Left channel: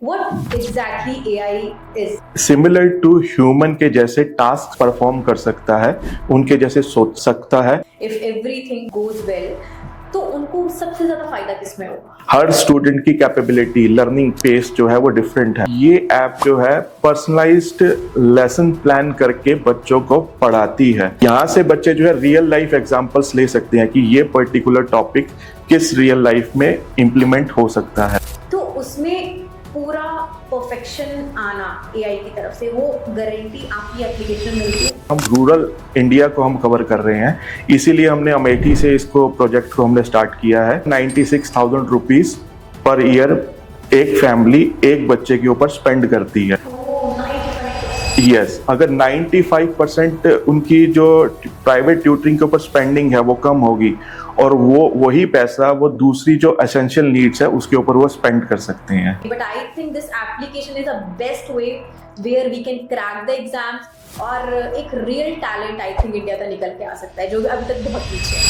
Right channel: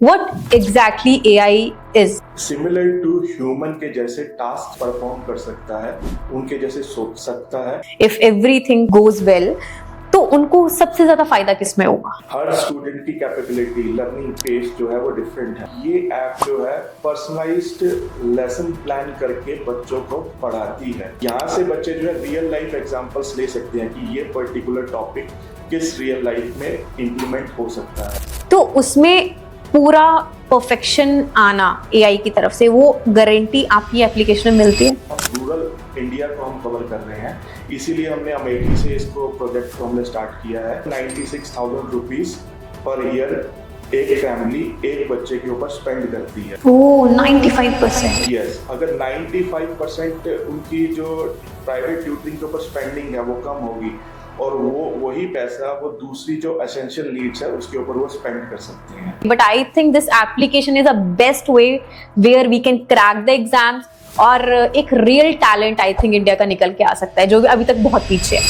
What exactly AI is? Similar to human के जैसे task perform कर सकता है, उनके जैसे सोच सकता है। If everything goes well, तो उनको सबसे ज्यादा फायदा किसमें होगा? हर स्टूडेंट की कैपेबिलिटी, लर्निंग पेस जो है वो डिफरेंट है। ये ऐप जो है पर्सनलाइज्ड लेसन प्लान करके बच्चों को पढ़ाती है। यहाँ से बच्चे जो है रियल लाइफ एग्जांपल्स ले सकते हैं कि ये पर्टिकुलर टॉपिक किस रियल लाइफ में इम्प्लीमेंट हो सकता है। तो उसमें पूरा परफेक्शन आना एआई की तरफ से, वो गारंटी आपकी एप्लीकेशन में मिलती है? हम रूरल इंडिया को हम कवर कर रहे हैं, इसीलिए हमने अमेठी से इसको प्रोजेक्ट को हमने स्टार्ट किया है। 96,000 रुपीज पर ईयर एक फैमिली एक बच्चे के ऊपर स्पेंड करती है। ओह, 95%। यस, अगर 95% उनकी जो प्राइवेट ट्यूटरिंग के ऊपर स्पेंडिंग है वो कम होगी और वो वही पैसा वो दूसरी जो एसेंशियल नीड्स है उसके ऊपर वो स्पेंड कर सकते हैं। But I think this application is a best way where we can crack the exams, और एक real talent I think India का निकल के आ सकता है जो अभी तक बहुत पीछे है।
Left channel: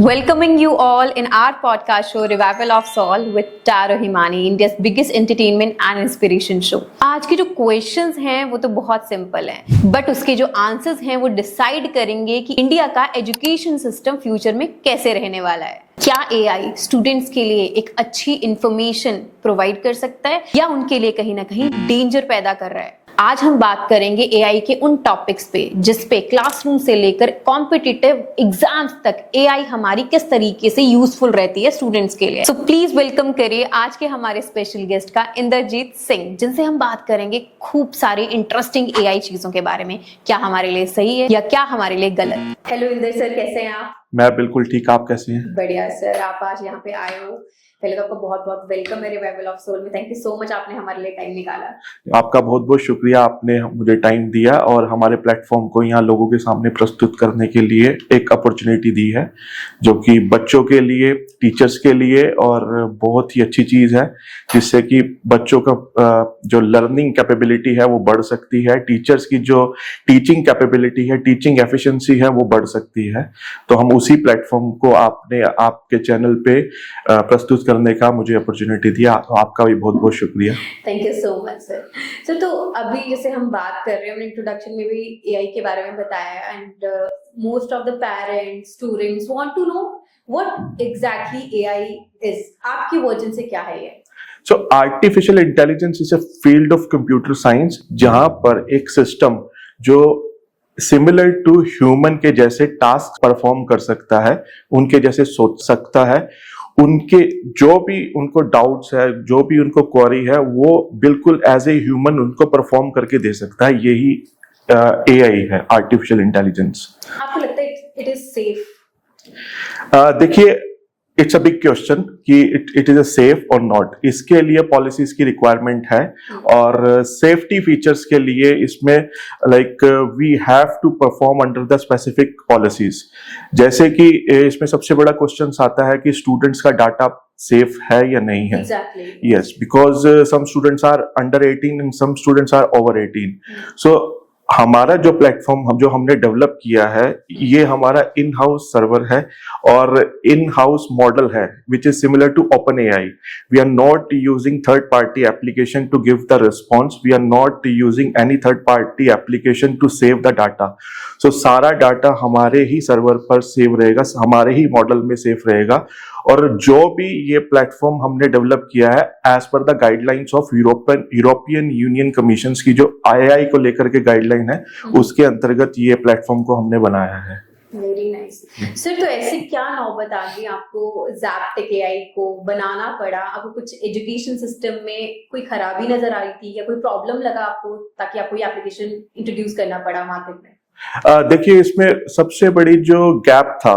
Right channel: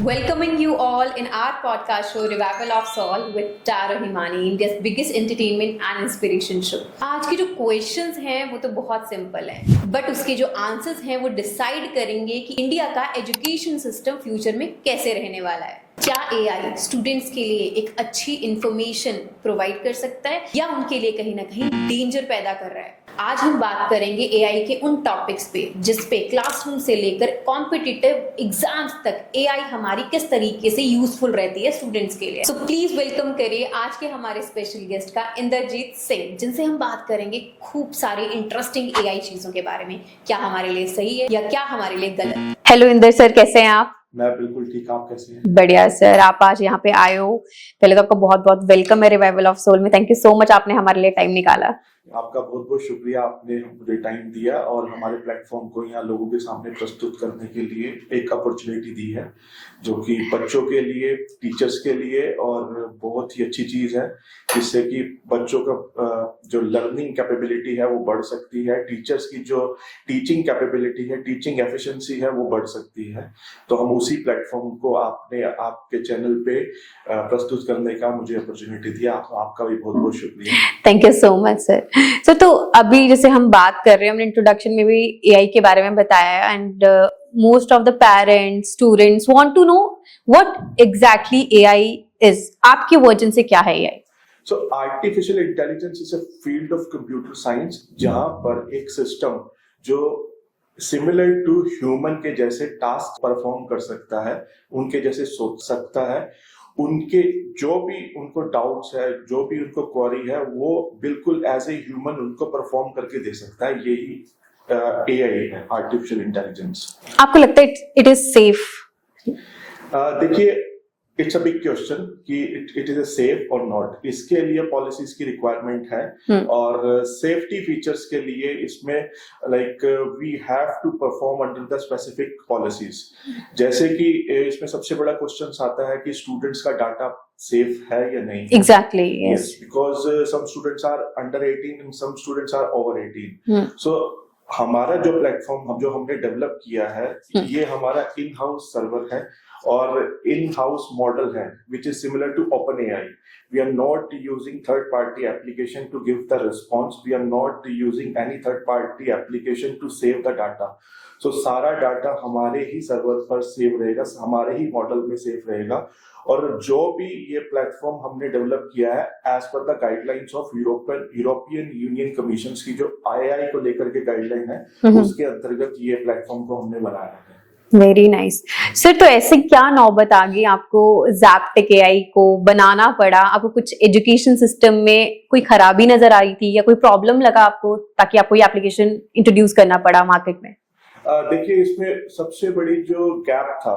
Welcoming you all in our podcast show Revival of Soul with Taro Himani, India's biggest entertainment and inspiration show। आज के जो क्वेश्चंस हैं वो तो बहुत सिंपल हैं, बट उसके जो आंसर्स हैं वो डिसाइड करेंगे कि इंडिया का एजुकेशन सिस्टम फ्यूचर में कैसे रहने वाला है। क्या एआई स्टूडेंट्स के लिए एक अच्छी इंफॉर्मेशन प्रोवाइड कर सकता है या उनके लिए कहीं ना कहीं डेंजर पैदा कर रहा है? आज हम बात करेंगे एआई के उन टॉपिक्स पे जिस पे क्लासरूम से लेकर कॉम्पिटिटिव एग्जाम्स तक एआई हमारी किस तरीके से यूजफुल रहती है स्टूडेंट्स के लिए। सो प्लीज वेलकम करिए आज के हमारे स्पेशल गेस्ट का इंद्रजीत सिंह, जिनसे हम बात करेंगे खूब सारी इंटरेस्टिंग एआई चीजों के बारे में, क्या हमारे लिए सही है या क्या हमारे लिए गलत। हेलो इंदर सर, कैसे हैं आप? मैं बिल्कुल ठीक, आप कैसे हैं? बढ़िया सर, आप आज यहाँ पे आए हो, पहले तो आपका बहुत बहुत वेलकम है रिवाइवल ऑफ सोल में। थैंक यू सो मच, आपने हमारे लिए टाइम निकाला। आपका बहुत बहुत शुक्रिया, आपने मुझे टाइम दिया और हमारे प्लेटफॉर्म को यहाँ लोगों के सामने प्रस्तुत करने के लिए एक अपॉर्चुनिटी दी है, जो कि बच्चों के लिए, टीचर्स के लिए और बहुत ही अच्छी चीज है, जिससे कि बच्चों का जो लर्निंग कैपेबिलिटी है वो बढ़ सकती है, टीचर्स की जो टीचिंग कैपेबिलिटी है, टीचिंग एफिशिएंसी है वो बढ़ सकती है। तो हम उसी प्लेटफॉर्म को आपने आपके चैनल पे प्रस्तुत करने का मुझे अपॉर्चुनिटी दिया, तो आपका भी बहुत बहुत शुक्रिया। Thank you so much sir. So तो अभी जैसे हम बात कर रहे हैं, हमने इंट्रोडक्शन में भी एआई के बारे में बताया, and most of the parents, students want to know what exactly AI is. आपके वर्जन से क्या है AI? So artificial intelligence is a field of computer science, जहां पर एक सिस्टम जो सिमिलर टू ह्यूमन के जैसे टास्क परफॉर्म कर सकता है, उनके जैसे सोच सकता है, उनके जो भी उनको डाउट्स है, जो भी उनको क्वेरी है, वो बिल्कुल एज ए ह्यूमन उनको परफॉर्म करके दे सकता है। यही एआई है, आर्टिफिशियल इंटेलिजेंस। आपको लगता है इट इज सेफ? देखिए, इट्स अ बिग क्वेश्चन कि इट इज अ सेफ और नॉट। इसके लिए पॉलिसीज की रिक्वायरमेंट है और सेफ्टी फीचर्स के लिए इसमें like we have to perform under the specific policies. जैसे कि इसमें सबसे बड़ा क्वेश्चन आता है कि स्टूडेंट्स का डाटा सेफ है या नहीं है। Exactly, yes, because some students are under 18 and some students are over 18। So हमारा जो प्लेटफॉर्म जो हमने डेवलप किया है, ये हमारा इन हाउस सर्वर है और इन हाउस मॉडल है, which is similar to open AI. We are not using third party application to give the response, we are not using any third party application to save the data. So सारा data हमारे ही server पर save रहेगा, हमारे ही model में save रहेगा। और जो भी ये प्लेटफॉर्म हमने डेवलप किया है as per the guidelines of European Union Commission की जो आईआई को लेकर के गाइडलाइन है, उसके अंतर्गत ये प्लेटफॉर्म को हमने बनाया है। Very nice sir. तो ऐसे क्या नौबत आ गई, आपको ज़ैप्टिक एआई को बनाना पड़ा? आपको कुछ एजुकेशन सिस्टम में कोई खराबी नजर आ रही थी या कोई प्रॉब्लम लगा आपको, ताकि आपको ये एप्लीकेशन इंट्रोड्यूस करना पड़ा मार्केट में? देखिए, इसमें सबसे बड़ी जो गैप था,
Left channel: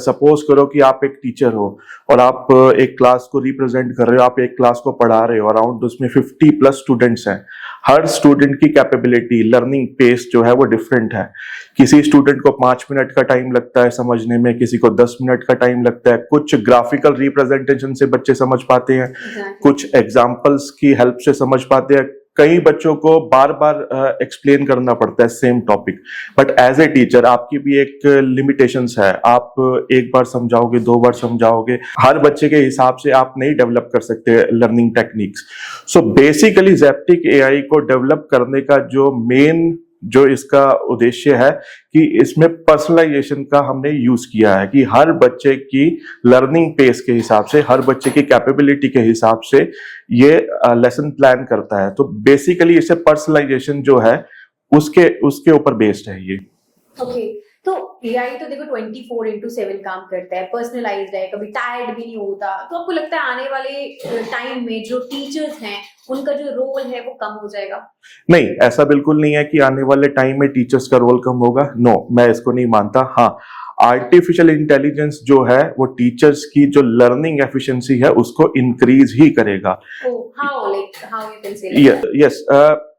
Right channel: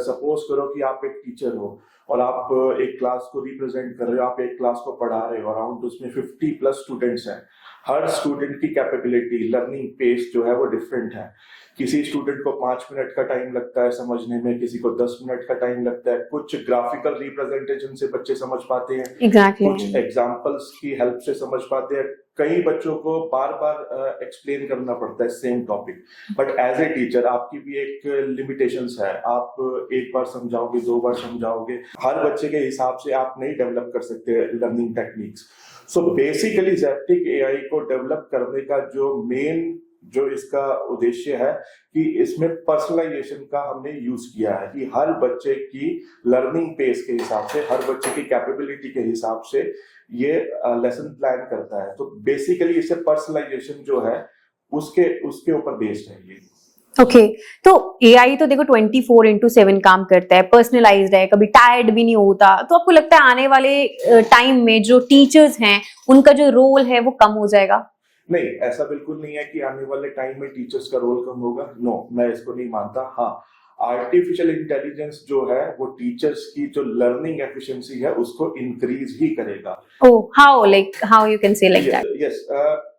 सपोज करो कि आप एक टीचर हो और आप एक क्लास को रिप्रेजेंट कर रहे हो, आप एक क्लास को पढ़ा रहे हो, अराउंड उसमें 50+ स्टूडेंट्स हैं। हर स्टूडेंट की कैपेबिलिटी, लर्निंग पेस जो है वो डिफरेंट है। किसी स्टूडेंट को 5 मिनट का टाइम लगता है समझने में, किसी को 10 मिनट का टाइम लगता है। कुछ ग्राफिकल रिप्रेजेंटेशन से बच्चे समझ पाते हैं, कुछ एग्जाम्पल्स की हेल्प से समझ पाते हैं, कई बच्चों को बार बार एक्सप्लेन करना पड़ता है same topic, but as a teacher आपकी भी एक लिमिटेशंस है। आप एक बार समझाओगे, 2 बार समझाओगे, हर बच्चे के हिसाब से आप नहीं डेवलप कर सकते learning techniques. So basically Zeptic AI को डेवलप करने का जो इसका उद्देश्य है कि इसमें पर्सनलाइजेशन का हमने यूज किया है कि हर बच्चे की लर्निंग पेस के हिसाब से, हर बच्चे की कैपेबिलिटी के हिसाब से ये लेसन प्लान करता है। तो बेसिकली इसे पर्सनलाइजेशन जो है उसके ऊपर बेस्ड है ये। ओके तो एआई तो देखो 24/7 काम करता है, पर्सनलाइज्ड है, कभी टायर्ड भी नहीं होता। तो आपको लगता है आने वाले टाइम में जो टीचर्स हैं उनका जो रोल है वो कम हो जाएगा? नहीं, ऐसा बिल्कुल नहीं है कि आने वाले टाइम में टीचर्स का रोल कम होगा। नो, मैं इसको नहीं मानता। हाँ, आर्टिफिशियल इंटेलिजेंस जो है वो टीचर्स की जो लर्निंग एफिशिएंसी है उसको इंक्रीज ही करेगा। How you can say like that? Yes,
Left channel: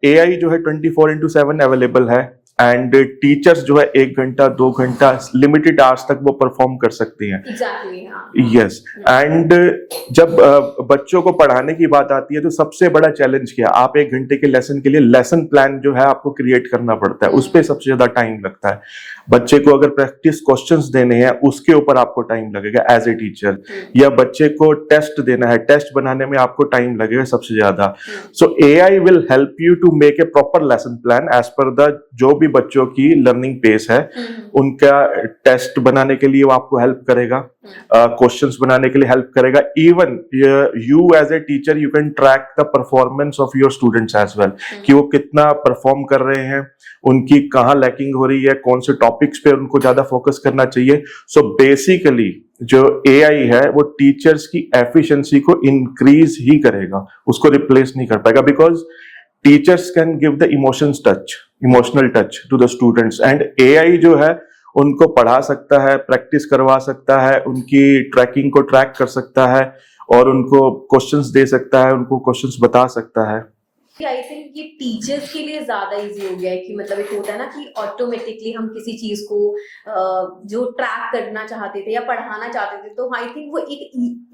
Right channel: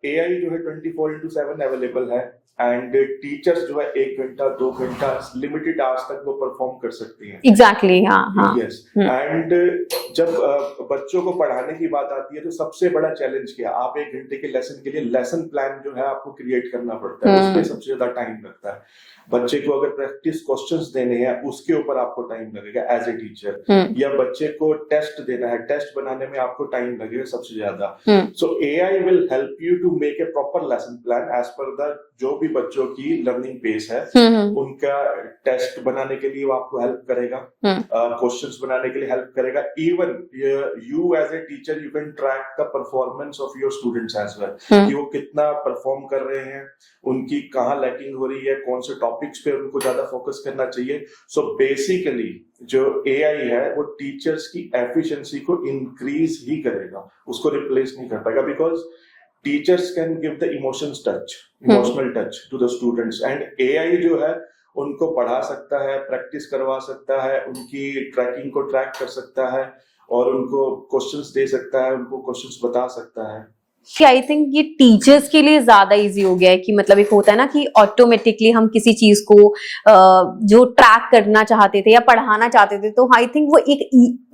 AI जो है 24/7 अवेलेबल है एंड टीचर्स जो है 1 घंटा 2 घंटा लिमिटेड आवर्स तक वो परफॉर्म कर सकती हैं। एग्जैक्टली, हाँ। यस, एंड जब बच्चों को पढ़ाने की बात आती है तो सबसे बड़ा चैलेंज क्या है? आप 1 घंटे के लेसन के लिए लेसन प्लान जो है आपको क्रिएट करना पड़ता है, उस पर सबसे ज्यादा टाइम लगता है। बच्चे को अगर प्रैक्टिस क्वेश्चंस देने हैं उसके ऊपर आपको टाइम लगेगा एज ए टीचर, या बच्चे को टेस्ट देना है, टेस्ट बनाने में आपको टाइम लगेगा सबसे ज्यादा। So AI will help you to make a proper lesson plan as per the जो भी बच्चों की लर्निंग पेस है, उनका टेस्ट बनाने के लिए वो आपको हेल्प करेगा, क्वेश्चंस बनाने के लिए हेल्प करेगा। Even you as a teacher you can track the performance of your students as well, कि वो कितना परफॉर्म कर रहे हैं, उनकी कहाँ लैकिंग हो रही है, कौन से टॉपिक्स पे उनको ज्यादा फोकस करना चाहिए। सो बेसिकली जो एआई है वो टीचर्स की एफिशिएंसी को इंक्रीज ही करेगा, उसको रिप्लेस नहीं कर पाएगा, because teachers can give the emotional touch to the students, and AI जो है उनको पढ़ा सकता है, प्रैक्टिस करवा सकता है, उनकी ट्रैकिंग को ट्रैक कर सकता है और उनको क्वेश्चंस दे सकता है, उनको क्वेश्चंस बता सकता है। आई थिंक ये टीचर्स के लिए ज्यादा इजी हो गया है कि मतलब एक होता है ना कि ऑटोमेटिकली हम किसी चीज को जो ट्रैक करना चाहते थे या पढ़ाना चाहते थे, तो आई थिंक वो एक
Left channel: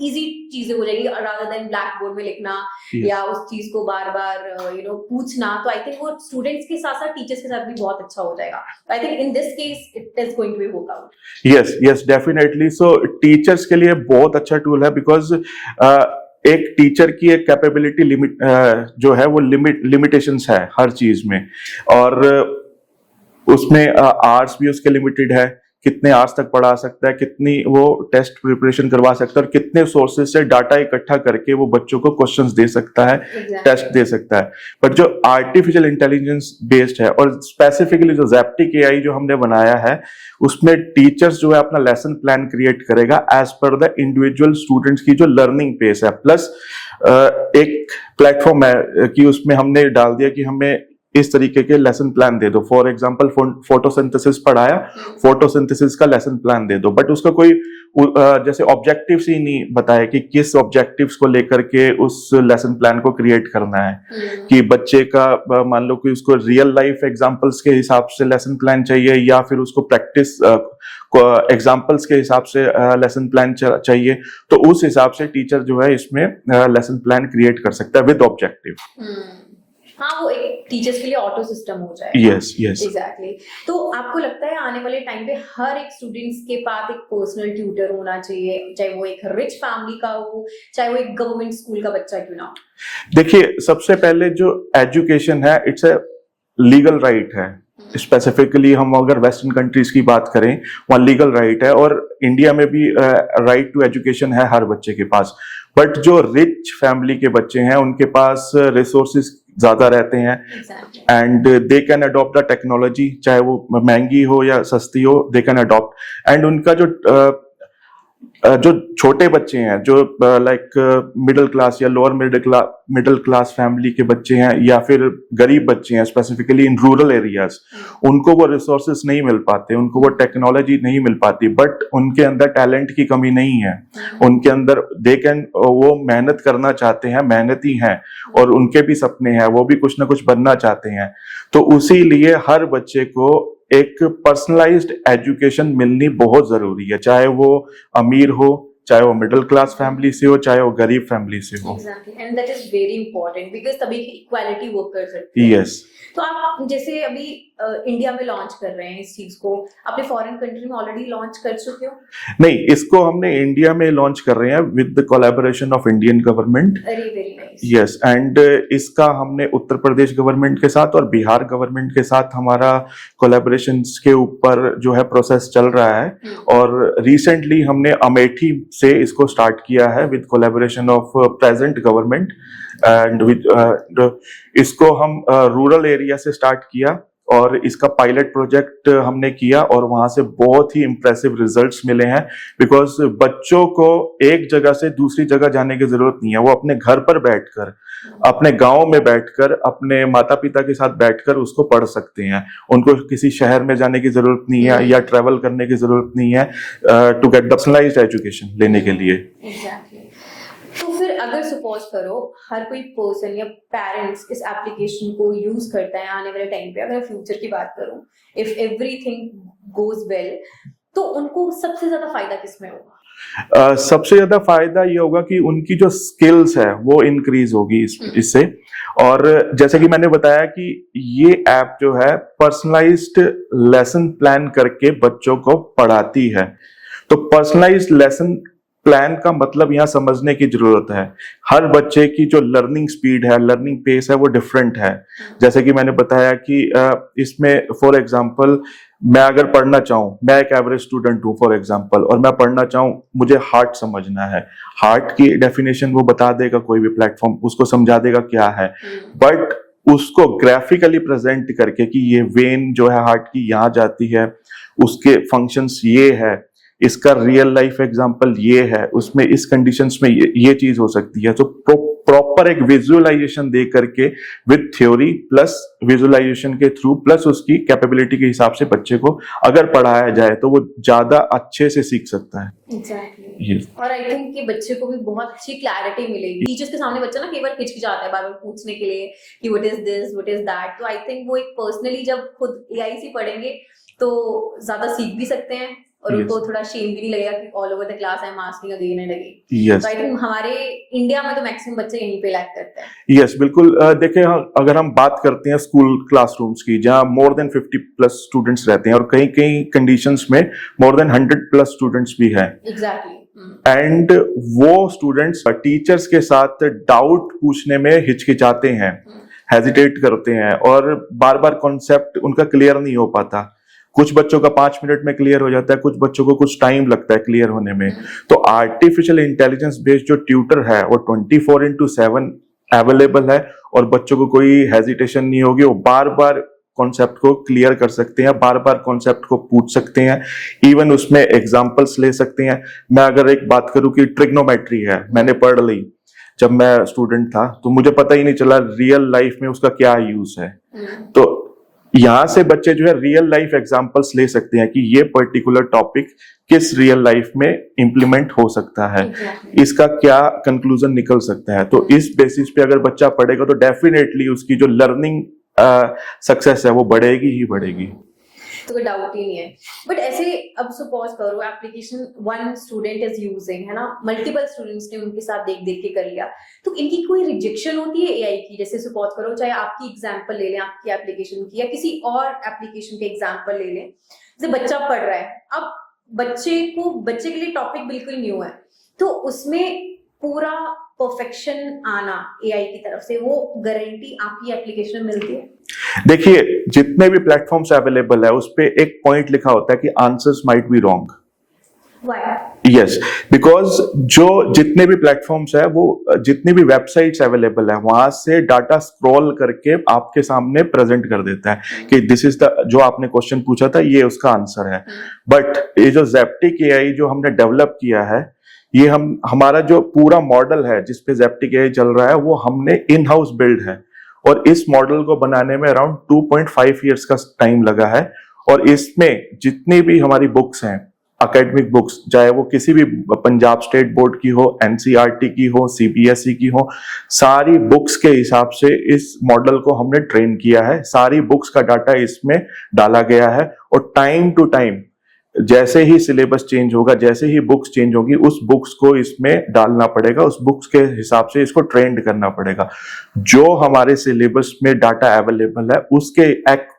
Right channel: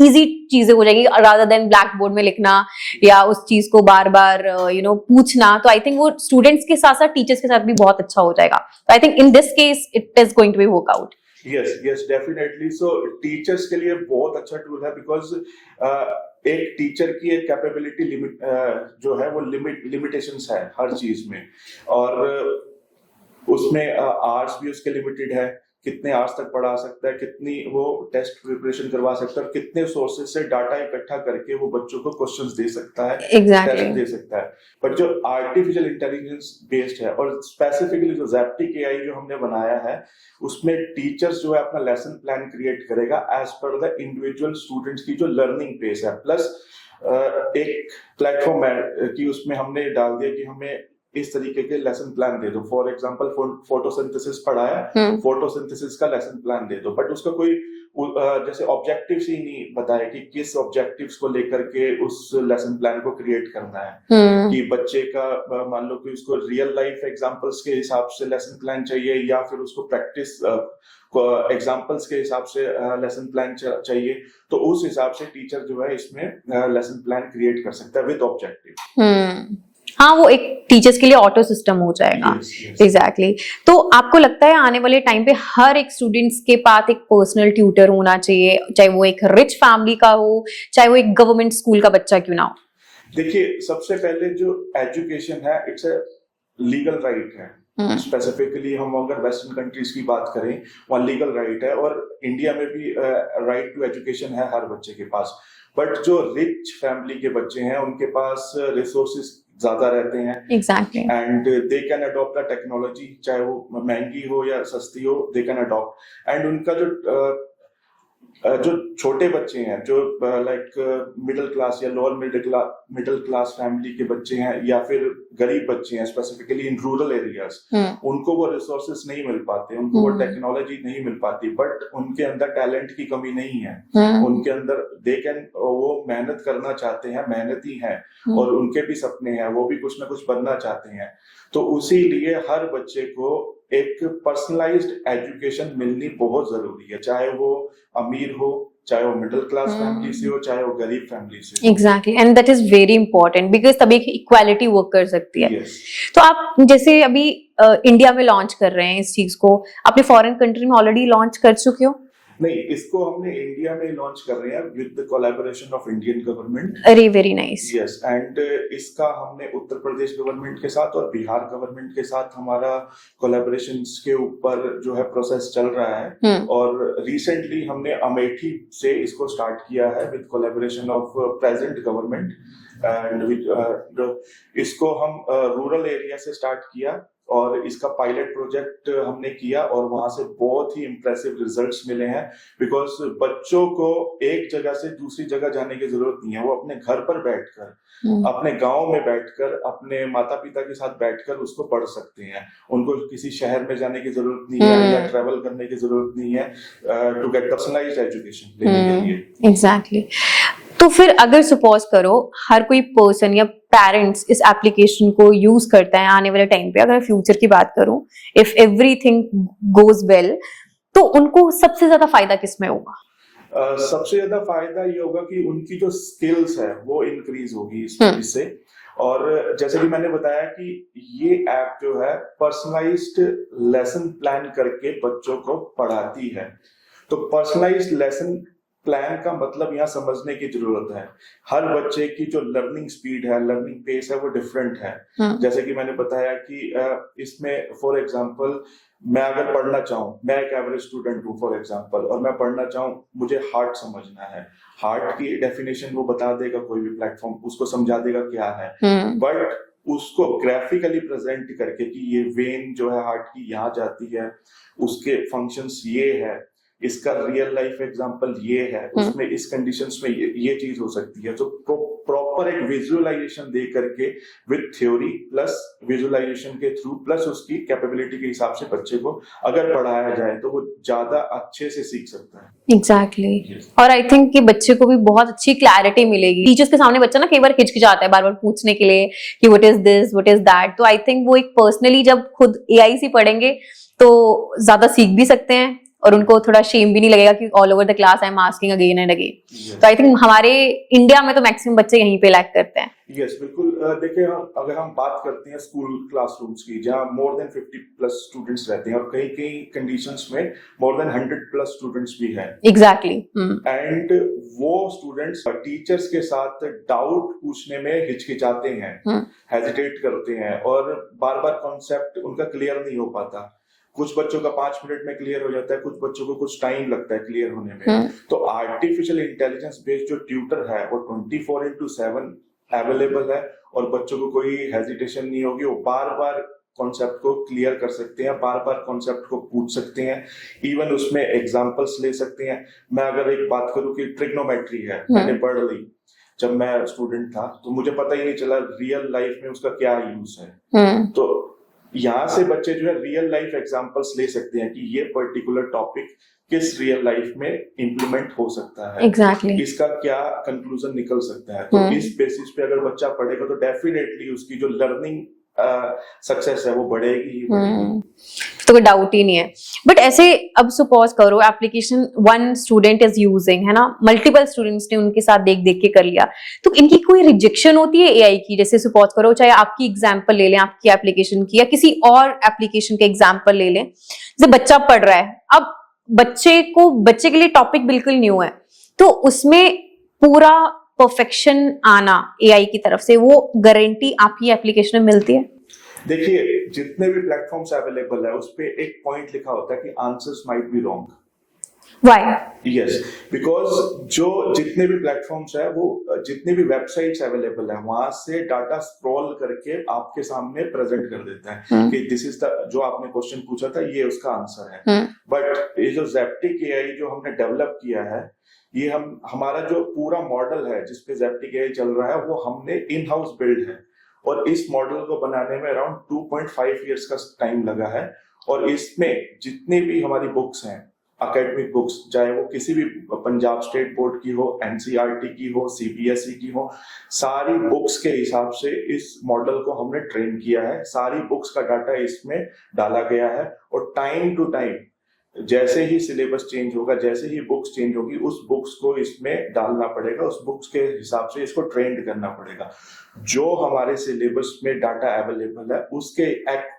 इजी चीजें हो जाएगी रादर देन ब्लैक बोर्ड में लिखना या उस चीज को बार बार पूछना। तो आई थिंक वो स्टूडेंट्स के साथ साथ टीचर्स के साथ भी बहुत अच्छा हो जाएगा। तो I think in this case it is going to be work out. Yes definitely. So teachers के लिए बहुत अच्छा टूल है, बिकॉज एक टीचर की एक कैपेबिलिटी लिमिट जो है वो लिमिटेशंस है हर चीज में, और उसमें आवर्स भी उसके लिमिटेड है, कितने आवर्स तक पढ़ा सकता है, कितनी वो टेस्ट प्रिपरेशन करवा सकता है, और कितने सोर्सेज से डाटा इकट्ठा करके वो बच्चों को क्वेश्चंस दे सकता है, टेस्ट दे सकता है। बट जो आर्टिफिशियल इंटेलिजेंस बेस्ड है और स्पेसिफिकली जो ज़ेप्टिक एआई जो हमने बनाया है, उसमें टीचर्स जो है अपना लेसन प्लान क्रिएट करेगा as per the individual students की जो लर्निंग पेस है। प्लस एक प्लेटफॉर्म है कि उसमें हमने डाल दिया कि हमें इस तरीके के लेसन प्लान दे दो। फॉर एग्जांपल फोटोसिंथेसिस पढ़ाया, फोटोसिंथेसिस का लेसन प्लान दे दो, बट उसका कोई जैसे ऑब्जेक्टिव्स ही नहीं बताया कि किस ऑब्जेक्टिव्स को लेकर के उस लेसन प्लान को क्रिएट करना है। कि बच्चे का मान लो कि उसको रियल लाइफ एग्जांपल्स के हिसाब से लेसन प्लान चाहिए, या फिर उसको प्रैक्टिस एग्जांपल्स के हिसाब से लेसन प्लान चाहिए, तो उस हिसाब से टीचर जो है इसमें लेसन प्लान क्रिएट कर सकता है विद ऑब्जेक्टिव। हाँ, वो एक टीचर्स के लिए ऑटो सिस्टम हो जाएगा। Yes exactly. तो आपको लगता है आने वाले टाइम पे हर एक स्टूडेंट्स के पास एक पर्सनल ट्यूटर होना चाहिए, चाहे वो एक रिच फैमिली का हो, चाहे वो एक गवर्नमेंट स्कूल का बच्चा क्यों ना हो? देखिए, सबसे पहले जो एजुकेशन है इट्स ए लीगल राइट है। स्पेसिफिकली हम अगर वेस्टर्न कंट्रीज की बात करें, वहाँ लीगल राइट है, और इंडिया में भी राइट टू एजुकेशन है हर बच्चे के पास। बट जो रिच फैमिली के बच्चे हैं उनके पास रिसोर्सेज ज्यादा रहते हैं, and they can adopt the technology, चाहे वो महंगी हो या सस्ती हो, दे कैन अडॉप्ट। एंड उनका जो छोटे बच्चे हैं, जो लाइक मिडिल क्लास या लोअर मिडिल क्लास फैमिली के बच्चे हैं, या फिर गरीब बच्चे हैं स्पेसिफिकली इन रूरल एरियाज, उनको वो रिसोर्सेस नहीं मिल पाते, उनको वो टेक्नोलॉजी नहीं मिल पाती। बट उनके अंदर टैलेंट की कमी नहीं है, उनके अंदर वो मेहनत करना चाहते हैं, मेहनती हैं, और उनके भी सपने हैं, वो भी कुछ ना कुछ बनना चाहते हैं। तो उसी लिए हर बच्चे को एक पर्सनलाइज्ड एजुकेशन मिलनी बहुत जरूरी है, चाहे वो अमीर हो चाहे वो मिडिल क्लास फैमिली से हो, चाहे वो गरीब फैमिली से हो। Exactly, and that is very important because तभी इक्वालिटी वर्क कर सकती है। यस। तो आप जैसे अभी इंडिया में लॉन्च कर रहे हैं इस चीज को, अपने फॉरेन कंट्री में ऑलरेडी लॉन्च कर चुके हो? नहीं, इसको हमने इंडिया में लॉन्च कर रहे हैं with the collaboration of Indian government. अरे वेरी नाइस। यस, एंड इसका हमने उत्तर प्रदेश गवर्नमेंट के साथ और बिहार गवर्नमेंट के साथ हमारा कोलैबोरेशन के ऊपर जो है प्रोसेस चल रहा है। और रिसेंटली हमने अमेठी से इसको स्टार्ट किया है with collaboration of present government and with इसको हम रूरल एरिया से स्टार्ट किया और इसका पायलट प्रोजेक्ट हमने किया और वहां से बहुत ही इंप्रेसिव रिजल्ट्स मिले हैं। बिकॉज बच्चों को एक जगह से दूसरी जगह जाने की जरूरत नहीं है, वो अपने घर पर बैठकर, अपने गांव में बैठकर, अपने माता पिता के साथ बैठकर उसको पढ़ सकते हैं। उनको किसी शहर में जाने की जरूरत नहीं है या ट्रेवल करने की जरूरत नहीं है to get the personalised education लेने के लिए। एग्जैक्टली। तो फिर अगर सपोज करो हर कोई पर्सन या पेरेंट्स इस एप्लीकेशन को यूज करता है आने वाले टाइम पे, अगर फ्यूचर की बात करूं, इफ एवरीथिंग गोज वेल, तो उनको सबसे ज्यादा फायदा किसमें होगा? सबसे ज्यादा फायदा ये होगा कि उनकी जो स्किल्स है वो इंक्रीज होगी इससे। और जैसे कि मैंने बताया कि ये ऐप जो है पर्सनलाइज्ड लेसन प्लान करके बच्चों को पढ़ाती है। तो पर्सनलाइज्ड लेसन प्लान का मतलब यहाँ समझने की जरूरत है। हर बच्चे की जो लर्निंग स्पीड है, लर्निंग पेस है, वो डिफरेंट है। जैसे कि मैंने बताया कि इसमें फॉर एग्जांपल मैं अगर पढ़ना चाहूँ, मैं एक एवरेज स्टूडेंट हूँ फॉर एग्जांपल, और मैं पढ़ना चाहूँ, मुझे हार्ट समझना है, हार्ट की डेफिनेशन वो बता देगा, कोई भी प्लेटफॉर्म उसको समझा देगा क्या है। बट उसको ग्राफिकली प्रेजेंट करके कि ये वेन जो है हार्ट की यहाँ जाती है, उसके फंक्शंस ये है, इसका रियल लाइफ एग्जांपल ये है, उसमें इस कंडीशंस में ये चीज हो सकती है। तो प्रॉपर एक विजुअलाइजेशन दे करके विद थ्योरी प्लस विजुअलाइजेशन के थ्रू प्लस उसकी कैपेबिलिटी के हिसाब से बच्चे को अगर पढ़ाया जाए तो वो ज्यादा अच्छे से सीख सकता है। एग्जैक्टली। और आई थिंक कि बच्चे को भी बहुत अच्छी क्लैरिटी मिलेगी। टीचर्स के सामने बच्चा ना कई बार हिचकिचाता है बार बार पूछने के लिए कि what is this, what is that. तो आई थिंक वो एक पर्सनली जब खुद एआई से पढ़ेंगे तो ज्यादा सीख भी सकते हैं और उनको थोड़ा शेम भी नहीं लगेगा कि all over the class I am asking again and again. तो आई थिंक हमारे इंडिया में तो मैक्सिमम बच्चे यहीं पे लैक करते हैं। यस, बिल्कुल। देखिए, अगर हम बात करते हैं स्कूल क्लासरूम्स की, जहां मोर देन 50+ स्टूडेंट्स रहते हैं और कई कई कंडीशंस में मोर देन 100+ स्टूडेंट्स भी हैं। एग्जैक्टली। एंड वो स्टूडेंट्स टीचर्स के साथ डाउट पूछने में हिचकिचाते हैं, हेजिटेट करते हैं और बार बार कॉन्सेप्ट उनका क्लियर नहीं हो पाता। कुछ बच्चों का 5 मिनट में क्लियर हो जाता है, कुछ बच्चों को कुछ टाइम लगता है क्लियर होने में। तो आर्टिफिशियल इंटेलिजेंस बेस्ड जो ट्यूटर है वो 24/7 अवेलेबल है और बच्चों को कोई हेजिटेशन नहीं होगी। वो बार बार कॉन्सेप्ट को क्लियर कर सकते हैं, बार बार कॉन्सेप्ट को पूछ सकते हैं, इवन उसमें एग्जांपल्स ले सकते हैं। मैं अगर एक बात करूं कि ट्रिग्नोमेट्री है, मैंने पढ़ ली जब मैं स्टूडेंट था, तो मुझे पता ही नहीं चला रियल लाइफ में उसका क्या यूज है। तो यहाँ से बच्चे जो है रियल लाइफ एग्जांपल्स ले सकते हैं कि ये पर्टिकुलर टॉपिक किस रियल लाइफ में इंप्लीमेंट हो सकता है। Exactly. इसका क्या कंक्लूजन निकल सकता है। तो इस बेसिस पे अगर बच्चा पढ़ेगा तो डेफिनेटली उसकी जो लर्निंग सक्सेस है वो बढ़ेगी ही बढ़ेगी। तो कोई डाउट ही नहीं है। बट ऐसे अब सपोज करो application one student is using, है ना, मल्टीपल स्टूडेंट्स ने उनके साथ देख देख के कर लिया, तो इनकी कोई रिजेक्शन होती है एआई की? जैसे सपोज करो चाहे आपकी एग्जांपल ले लें, आपकी एप्लीकेशन की, या किसी और एप्लीकेशन के एग्जांपल ले लें। जैसे बच्चा पढ़ रहा है, अब बच्चे के लिए टॉपिक बिल्कुल न्यू है, तो उसमें पूरा परफेक्शन आना एआई की तरफ से, वो गारंटी आपकी एप्लीकेशन में मिलती है? देखिए, जितने भी प्लेटफॉर्म्स अवेलेबल है उस पे एक पॉइंट लिखा होता है कि answers might be wrong. Why? Yes, because जो जितने भी प्लेटफॉर्म्स है, वो जितनी भी वेबसाइट्स अवेलेबल है, वहां से डाटा स्क्रॉल करके आपके सामने प्रेजेंट कर देता है कि दिस इज द, जो आपने क्वेश्चन पूछा था ये उसका आंसर है। बट ये जो ज़ेप्टिक एआई जो हमने डेवलप किया है, ये हमारा जो पूरा मॉडल है जिसपे ज़ेप्टिक एआई चल रहा है, वो हमने इन हाउस बिल्ड है और इस मॉडल को बनाने में अराउंड 2.5 इयर्स का टाइम लगा है। और इसमें जितनी भी हमारी बुक्स हैं, एकेडमिक बुक्स, चाहे वो किसी भी पंजाब स्टेट बोर्ड की हो, एनसीईआरटी की हो, सीबीएसई की हो, सारी बुक्स के हिसाब से इस मॉडल को हमने ट्रेन किया है। सारी बुक्स का डाटा इसमें डाला गया है और टाइम टू टाइम जैसे ही सिलेबस चेंज होगा, जैसे ही बुक्स चेंज होगी, उस बुक्स को इसमें डालना पड़ेगा, उस बुक्स के हिसाब से इसको ट्रेंड करना पड़ेगा। जो हमारे सिलेबस में डाटा अवेलेबल है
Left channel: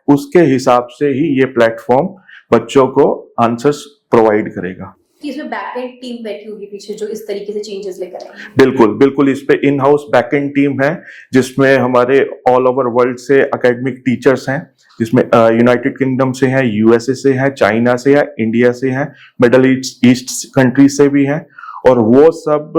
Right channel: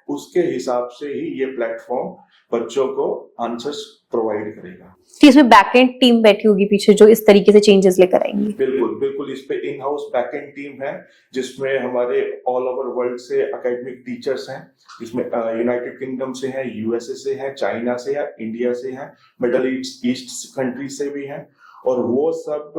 उसके हिसाब से ही ये प्लेटफॉर्म बच्चों को आंसर्स प्रोवाइड करेगा। कि इसमें बैकएंड टीम बैठी होगी पीछे जो इस तरीके से चेंजेस लेकर आएंगे। बिल्कुल बिल्कुल, इस पे इन हाउस बैकएंड टीम है जिसमें हमारे ऑल ओवर वर्ल्ड से एकेडमिक टीचर्स हैं, जिसमें यूनाइटेड किंगडम से हैं, यूएसए से हैं, चाइना से है, इंडिया से हैं, मिडल ईस्ट कंट्री से भी हैं। और वो सब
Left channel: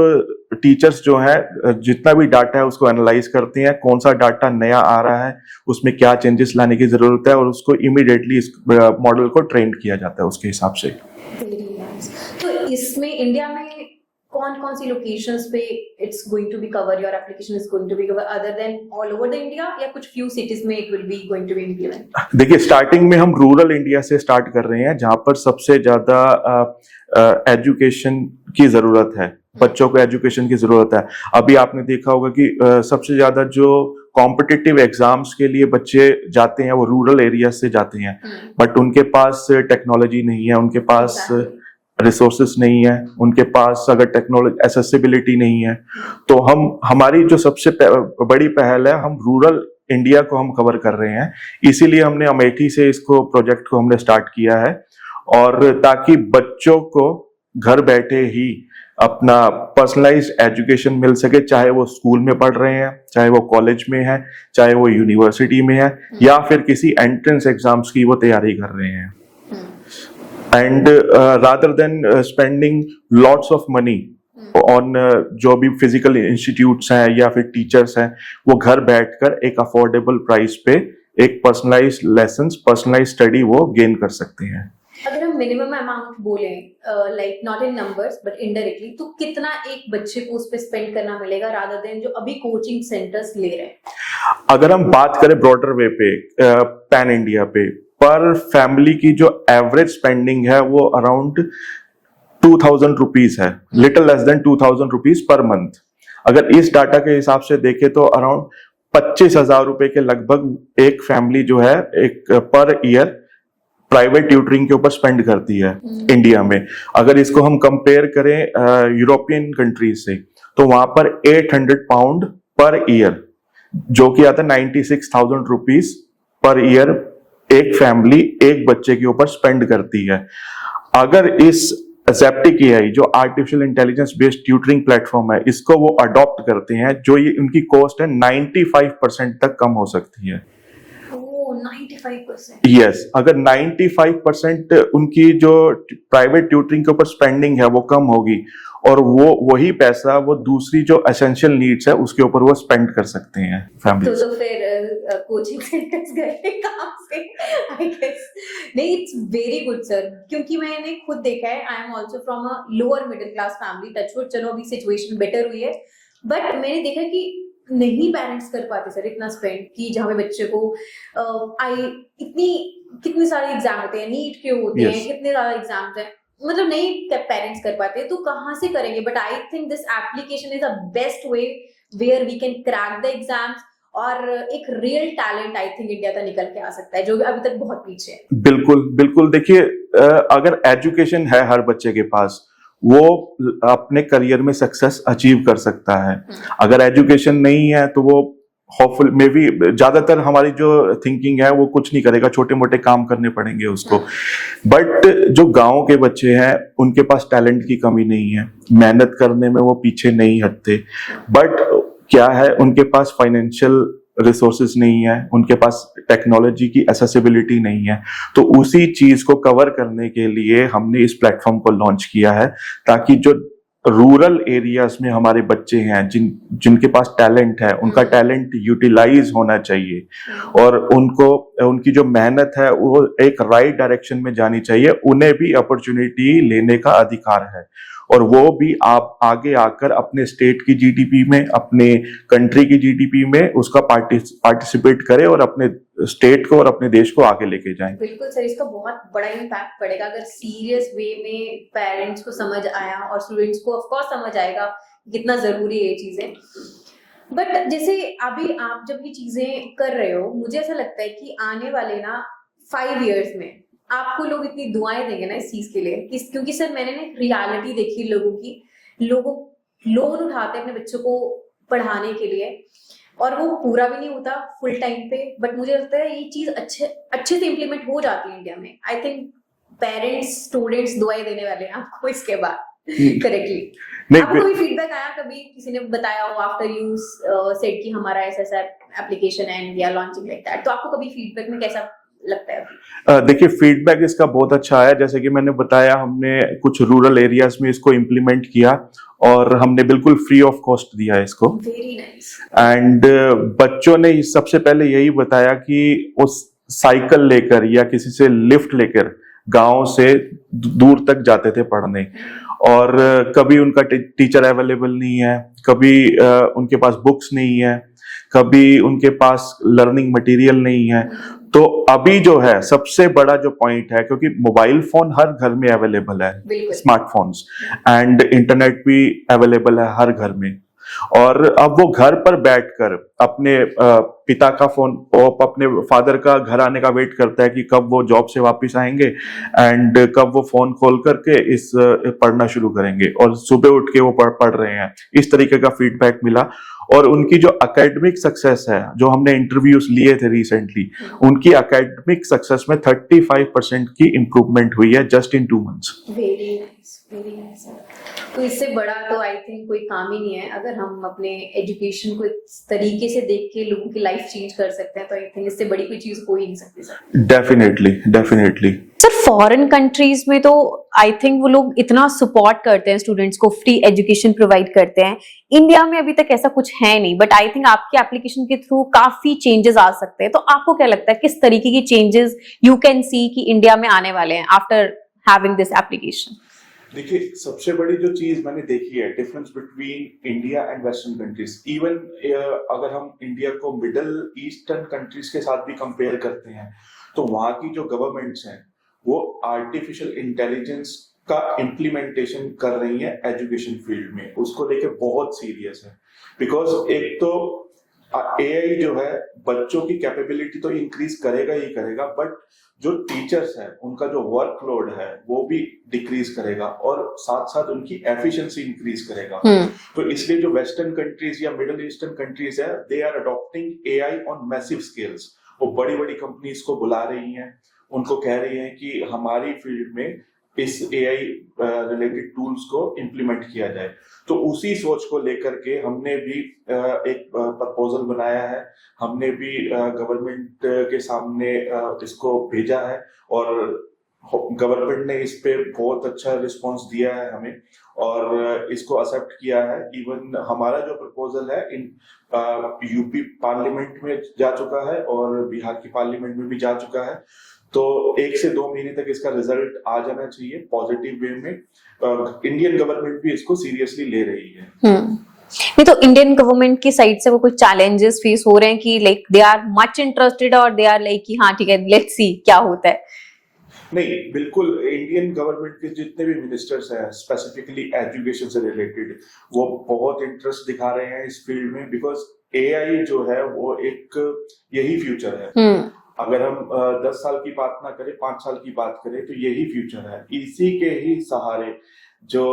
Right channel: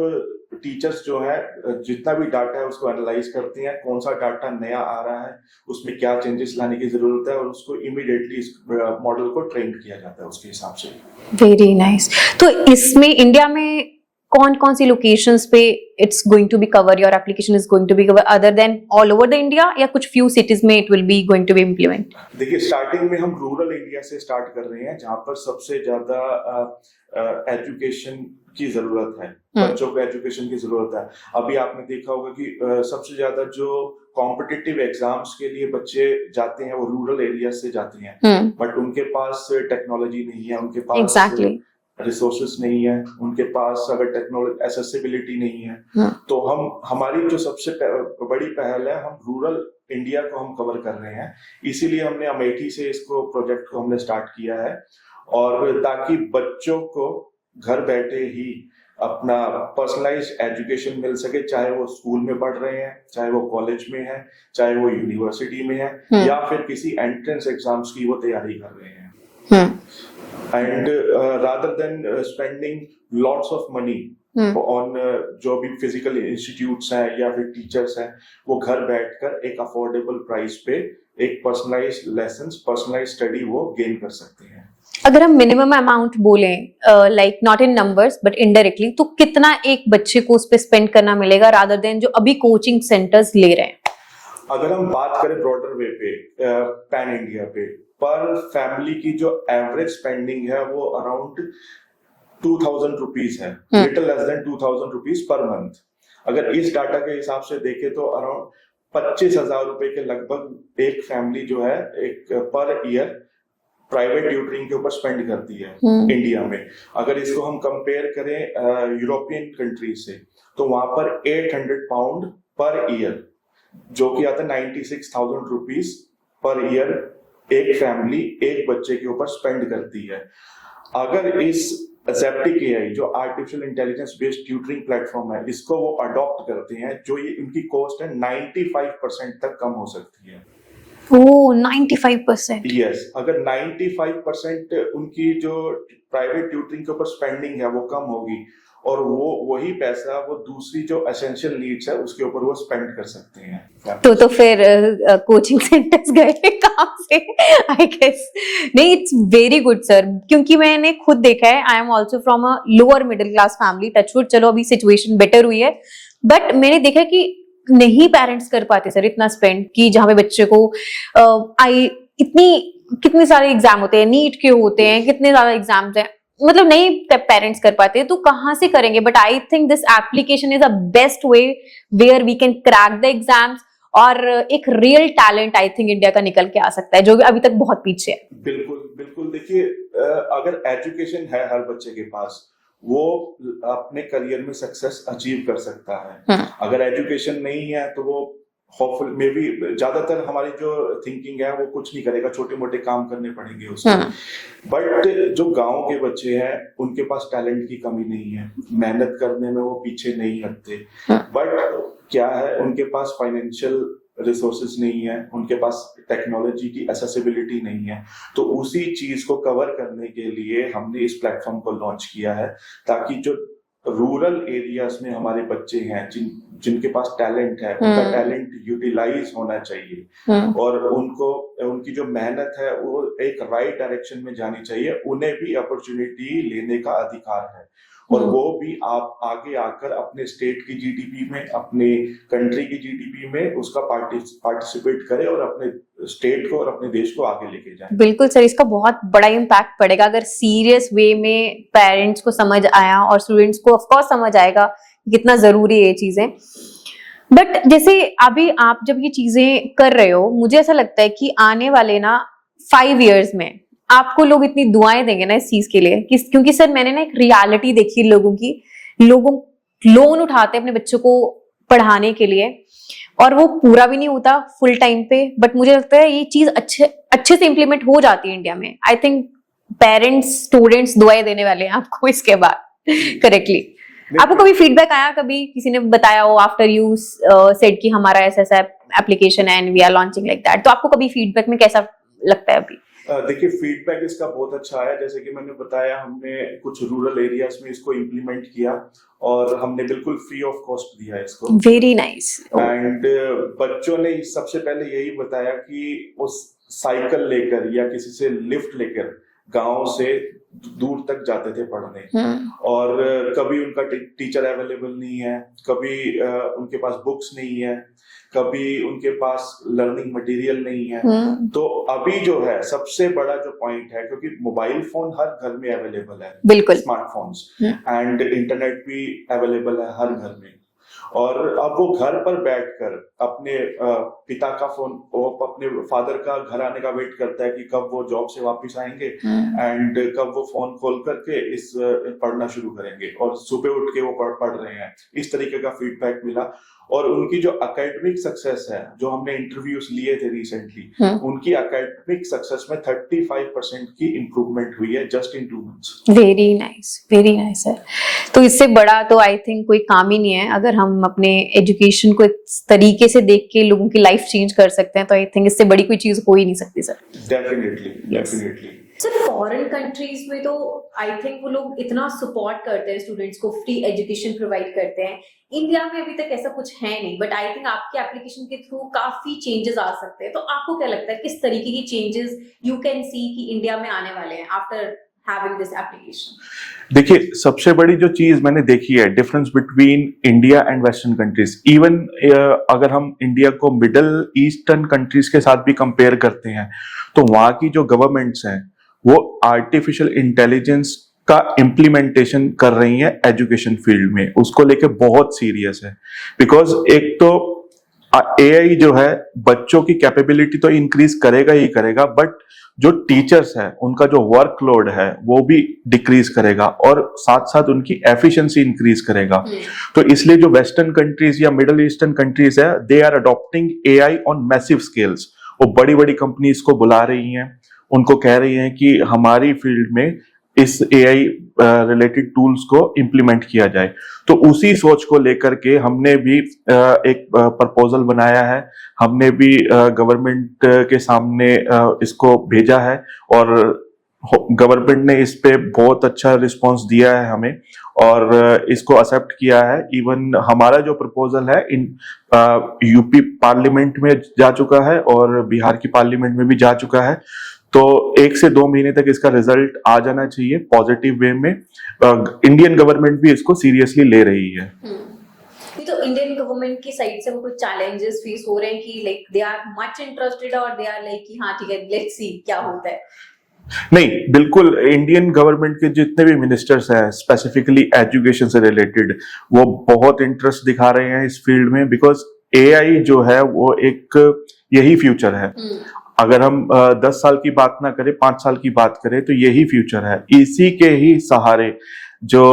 टीचर्स जो है जितना भी डाटा है उसको एनालाइज करते हैं, कौन सा डाटा नया आ रहा है, उसमें क्या चेंजेस लाने की जरूरत है, और उसको इमीडिएटली इस मॉडल को ट्रेन किया जाता है उसके हिसाब से। Very nice. तो इसमें इंडिया में कौन कौन सी लोकेशंस पे it's going to be cover, your application is going to be cover other than all over the India, या कुछ फ्यू सिटीज में it will be going to be implement? देखिए, स्टार्टिंग में हम रूरल इंडिया से start कर रहे हैं, जहां पर सबसे ज्यादा एजुकेशन की जरूरत है, बच्चों को एजुकेशन की जरूरत है। अभी आपने देखा होगा कि सबसे ज्यादा जो कॉम्पिटिटिव एग्जाम्स के लिए बच्चे जाते हैं वो रूरल एरिया से जाते हैं, बट उनके पास टेक्नोलॉजी नहीं है, उनके पास रिसोर्सेस नहीं है, उनके पास अगर टेक्नोलॉजी एक्सेसिबिलिटी नहीं है, तो हमारी जो सबसे बड़ी पहल है, हम रूरल इंडिया को हम कवर कर रहे हैं। इसीलिए हमने अमेठी से इसको प्रोजेक्ट को हमने स्टार्ट किया है, और ताकि बच्चों को घर बैठे ही अपना पर्सनलाइज्ड एजुकेशन मिल सके, चाहे वो स्कूल में पढ़ रहे हैं, चाहे वो कॉलेज में है, चाहे वो यूनिवर्सिटी में है, या फिर किसी एंट्रेंस एग्जाम्स की वो तैयारी कर रहे हैं। And rather than spending lots of money on जो भी फिजिकल इंस्टीट्यूट्स हैं या फिर टीचर्स हैं, वो घर बैठकर एक अफोर्डेबल प्राइस पे एक पर्सनलाइज्ड लेसन्स, पर्सनलाइज्ड स्टडी वो गेन कर सकते हैं। अगर हम मिनिमम अमाउंट बोलें, like not in numbers but indirectly, तो कितना एक बच्चे को उस पे स्पेंड करना मिलेगा रादर देन जो अभी कोचिंग सेंटर्स ले रहे हैं? अगर हम बात करें ब्रॉडर वे पे, पैन इंडिया पे, पर फैमिली की जो एवरेज स्पेंडिंग है वो अराउंड 2000 रुपीज है, little less than 2000 rupees per month. अगर इस डाटा के हिसाब से देखें तो अराउंड 25,000 रुपए के लगभग एक फैमिली जो है एक पर ईयर प्राइवेट ट्यूटरिंग के ऊपर स्पेंड करती है इंडिया में। अगर इसको हम कंपेयर करें यूरोपियन कंट्रीज से, तो वहां पर 800 पाउंड पर ईयर, जो कि आता है 96,000 रुपीज पर ईयर, एक फैमिली एक बच्चे के ऊपर स्पेंड करती है। अगर इस ज़ेप्टिक एआई जो artificial intelligence based tutoring platform है, इसको वो अडॉप्ट करते हैं, जो ये उनकी कॉस्ट है 95% तक कम हो सकती है। ओह, 95%? यस, अगर 95% उनकी जो प्राइवेट ट्यूटरिंग के ऊपर स्पेंडिंग है वो कम होगी, और वो वही पैसा वो दूसरी जो एसेंशियल नीड्स है उसके ऊपर वो स्पेंड कर सकते हैं फैमिली। तो फिर कोचिंग सेंटर्स गए काम से, आई गेस। नहीं, इट्स वेरी गुड सर, क्योंकि मैंने खुद देखा है, I am also from a lower middle class family, touchwood, चलो अभी सिचुएशन बेटर हुई है, बट मैंने देखा कि नहीं पेरेंट्स कर पाते सर इतना स्पेंड, कि जहां पे बच्चे को कितने सारे एग्जाम होते हैं, नीट के होते हैं, कितने ज्यादा एग्जाम्स हैं, मतलब नहीं पेरेंट्स कर पाते, तो कहां से करेंगे? But I think this application is a best way where we can crack the exams, और एक real talent I think India का निकल के आ सकता है, जो अभी तक बहुत पीछे है। बिल्कुल बिल्कुल, देखिए अगर एजुकेशन है हर बच्चे के पास, वो अपने करियर में सक्सेस अचीव कर सकता है। अगर एजुकेशन नहीं है तो वो होपफुल मे बी, ज्यादातर हमारी जो थिंकिंग है वो कुछ नहीं करेगा, छोटे मोटे काम करने पड़ेंगे उसको। बट जो गांव के बच्चे हैं उनके पास टैलेंट की कमी नहीं है, मेहनत करने में वो पीछे नहीं हटते, बट क्या है, उनके पास फाइनेंशियल रिसोर्सेज नहीं है, उनके पास टेक्नोलॉजी की एक्सेसिबिलिटी नहीं है। तो उसी चीज को कवर करने के लिए हमने इस प्लेटफॉर्म को लॉन्च किया है, ताकि जो रूरल एरियाज में हमारे बच्चे हैं जिनके पास टैलेंट है, उनका टैलेंट यूटिलाइज होना चाहिए, और उनको उनकी जो मेहनत है वो एक राइट डायरेक्शन में जानी चाहिए, उन्हें भी अपॉर्चुनिटी लेने का अधिकार है, और वो भी आप आगे आकर अपने स्टेट की जीडीपी में, अपने कंट्री की जीडीपी में उसका पार्टिसिपेट करें, और अपने स्टेट को और अपने देश को आगे लेके जाएं। बिल्कुल सर, इसका बहुत बड़ा इम्पैक्ट पड़ेगा अगर सीरियस वे में पेरेंट्स को समझ आया, और स्टूडेंट्स को ऑफ कोर्स समझ आएगा कितना जरूरी है ये चीजें। बट जैसे अभी आप जब ये चीजें कर रहे हो, मुझे ऐसा लगता है कि आने वाले 5 years में आपको लोग इतनी दुआएं देंगे ना इस चीज के लिए क्योंकि सर मैंने ना एक रियलिटी देखी लोगों की, लोगों लोन उठाते हैं अपने बच्चों को पढ़ाने के लिए और वो पूरा भी नहीं होता फुल टाइम पे, बट मुझे लगता है ये चीज अच्छे से इम्प्लीमेंट हो जाती है इंडिया में। आई थिंक पेरेंट्स स्टूडेंट्स दुआएं देने वाले हैं आपको इसके बाद करेक्टली। आपको कभी फीडबैक आया, कभी किसी ने बताया हो आफ्टर यू सेड कि हमारा ऐसा एप्लीकेशन है and we are launching like that, तो आपको कभी फीडबैक में कैसा लगता है अभी? देखिए फीडबैक इसका बहुत अच्छा आया। जैसे कि मैंने बताया, हमने कुछ रूरल एरियाज में इसको इम्प्लीमेंट किया और हमने बिल्कुल फ्री ऑफ कॉस्ट दिया इसको। Very nice. एंड बच्चों ने सबसे पहले यही बताया कि उस साइकिल लेकर या किसी से लिफ्ट लेकर गांव से दूर तक जाते थे पढ़ने, और कभी उनका टीचर अवेलेबल नहीं है, कभी उनके पास बुक्स नहीं है, कभी उनके पास लर्निंग मटेरियल नहीं है। तो अभी जो है सबसे बड़ा जो पॉइंट है, क्योंकि मोबाइल फोन हर घर में अवेलेबल है, बिल्कुल स्मार्टफोन्स, एंड इंटरनेट भी अवेलेबल है हर घर में, और अब वो घर पर बैठकर अपने पिता का फोन और अपने फादर का घर आने का वेट करता है कि कब वो जॉब से वापस आएंगे एंड कब वो फोन खोल करके इस पढ़ना शुरू करेंगे, और सुबह उठ के वो पढ़ रहे हैं। इस तरीके का फीडबैक मिला। और उनकी जो एकेडमिक सक्सेस है, जो हमने इंटरव्यूज लिए थे रिसेंटली, उनकी एकेडमिक सक्सेस में 35% की इंप्रूवमेंट हुई है just in 2 months. Very nice है। तो इससे बड़ा तो आई थिंक कोई काम ही नहीं है। अगर हम अपने एजुकेशन को इस तरीके से देख के लोगों की लाइफ चेंज कर सकते हैं, तो आई थिंक इससे बड़ी कोई चीज हो ही नहीं सकती sir. Definitely sir foreign countries में तो आई थिंक वो लोग इतना सपोर्ट करते हैं, स्टूडेंट्स को फ्री एजुकेशन प्रोवाइड करते हैं। इंडिया में अभी तक ऐसा कुछ है नहीं, बट आई थिंक आपके एप्लीकेशन के थ्रू काफी चेंजेस आ सकते हैं। तो आपको क्या लगता है किस तरीके की चेंजेस यू कैन सी कि इंडिया में आने वाले हैं आफ्टर हैविंग दिस एप्लीकेशन? देखिए सबसे बड़ी जो चीज मैंने देखी है, difference between India and western countries, even अगर हम इंडिया को मिडल ईस्टर्न कंट्रीज के साथ भी कंपेयर करते हैं, तो वहां की जो गवर्नमेंट्स हैं वो आर्टिफिशियल इंटेलिजेंस का इम्प्लीमेंटेशन कर रही है एजुकेशन फील्ड में, उसको लेके बहुत सीरियस है। बिकॉज एक तो एआई जो है बच्चों की कैपेबिलिटी तो इंक्रीज करेगा ही करेगा, बट जो टीचर्स है उनका जो वर्कलोड है वो भी डिक्रीज करेगा, और साथ साथ उनकी एफिशिएंसी इंक्रीज करेगा। तो इसलिए जो वेस्टर्न कंट्रीज या मिडिल ईस्टर्न कंट्रीज है, they are adopting AI on massive scales. वो बड़ी बड़ी कंपनीज को बुला रही हैं, उनको कह रही हैं कि हमारी फील्ड में इस एआई रिलेटेड टूल्स को इम्प्लीमेंट किया जाए। तो उसी सोच को लेकर के हमने भी एक प्रपोजल बनाया है, हमने भी गवर्नमेंट के सामने इसको भेजा है, और गवर्नमेंट ने इस पे बहुत अच्छा रिस्पांस दिया है हमें, और इसको एक्सेप्ट किया है। इवन हमारा जो प्रपोजल है इन यूपी पार्लियामेंट में जा चुका है और बिहार की पार्लियामेंट में भी जा चुका है। तो 1 से 2 महीने तक इसका रिजल्ट आ जाना चाहिए पॉजिटिव वे में। इंडियन गवर्नमेंट भी इसको सीरियसली ले रही है। नहीं तो इंडियन गवर्नमेंट की साइड से वो कुछ चैलेंजेस फेस हो रहे हैं कि like they are much interested, और दे आर लाइक कि हाँ ठीक है लेट्स सी क्या होता है? नहीं, बिल्कुल इंडियन गवर्नमेंट के जितने भी मिनिस्टर्स हैं स्पेसिफिकली एजुकेशन से रिलेटेड, वो बहुत इंटरेस्ट दिखा रहे हैं इस फील्ड में, बिकॉज एआई जो है वो एक यही फ्यूचर है। अगर हम 10 साल की बात ना करें, 5 साल की बात करें, तो यही फ्यूचर है। इसी के ही सहारे जो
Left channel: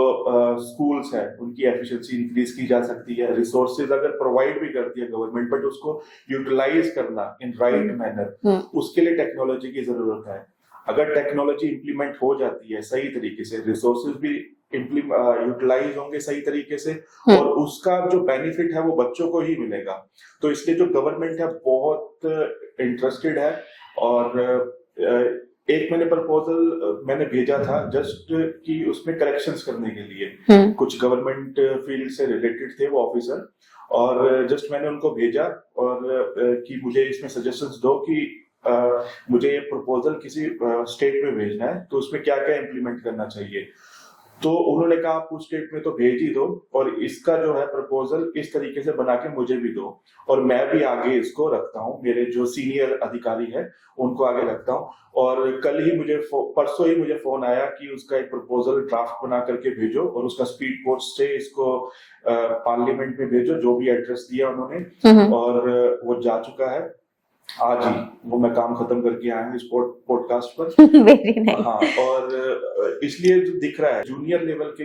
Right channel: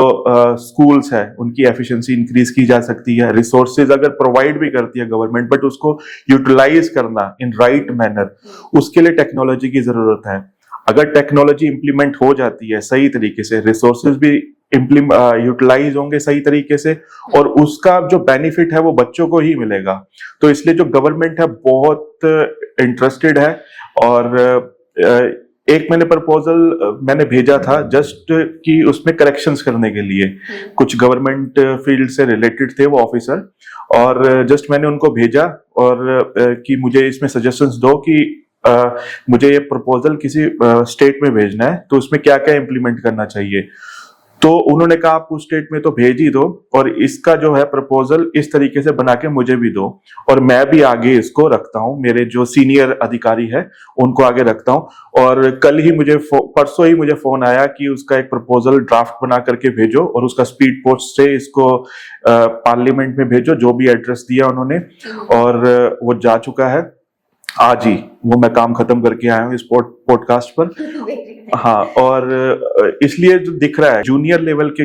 स्कूल्स है उनकी एफिशिएंसी इंक्रीज की जा सकती है। रिसोर्सेज अगर प्रोवाइड भी करती है गवर्नमेंट, बट उसको यूटिलाइज करना इन राइट मैनर, उसके लिए टेक्नोलॉजी की जरूरत है। अगर टेक्नोलॉजी इंप्लीमेंट हो जाती है सही तरीके से, रिसोर्सेज भी यूटिलाइज होंगे सही तरीके से, और उसका जो बेनिफिट है वो बच्चों को ही मिलेगा। तो इसलिए जो गवर्नमेंट है बहुत इंटरेस्टेड है, और एक मैंने प्रपोजल मैंने भेजा था जस्ट कि उसमें करेक्शंस करने के लिए, कुछ गवर्नमेंट फील्ड से रिलेटेड थे वो ऑफिसर, और जस्ट मैंने उनको भेजा और कि मुझे इसमें सजेशंस दो कि मुझे ये प्रपोजल किसी स्टेट में भेजना है, तो उसमें क्या क्या इम्प्लीमेंट करना चाहिए। तो उन्होंने कहा आप उस स्टेट में तो भेज ही दो, और इसका जो है प्रपोजल इस तरीके से बना के मुझे भी दो, और मैं भी आगे इसको रखता हूँ, मेरे जो सीनियर अधिकारी है उनको आगे रखता हूँ। और कल ही परसों ही मुझे फोन आया कि उसका एक प्रपोजल ड्राफ्ट बना करके भेजो, और उसका स्पीड पोस्ट से इसको पार्लियामेंट में भेजो, जो भी एड्रेस दिया उन्होंने, और वो जा चुका है। आज ही वो मैं काम खत्म करके आया हूँ इस पॉडकास्ट पर। Very nice. हाँ, और इसलिए जो दिख रहा है जूनियर लेवल के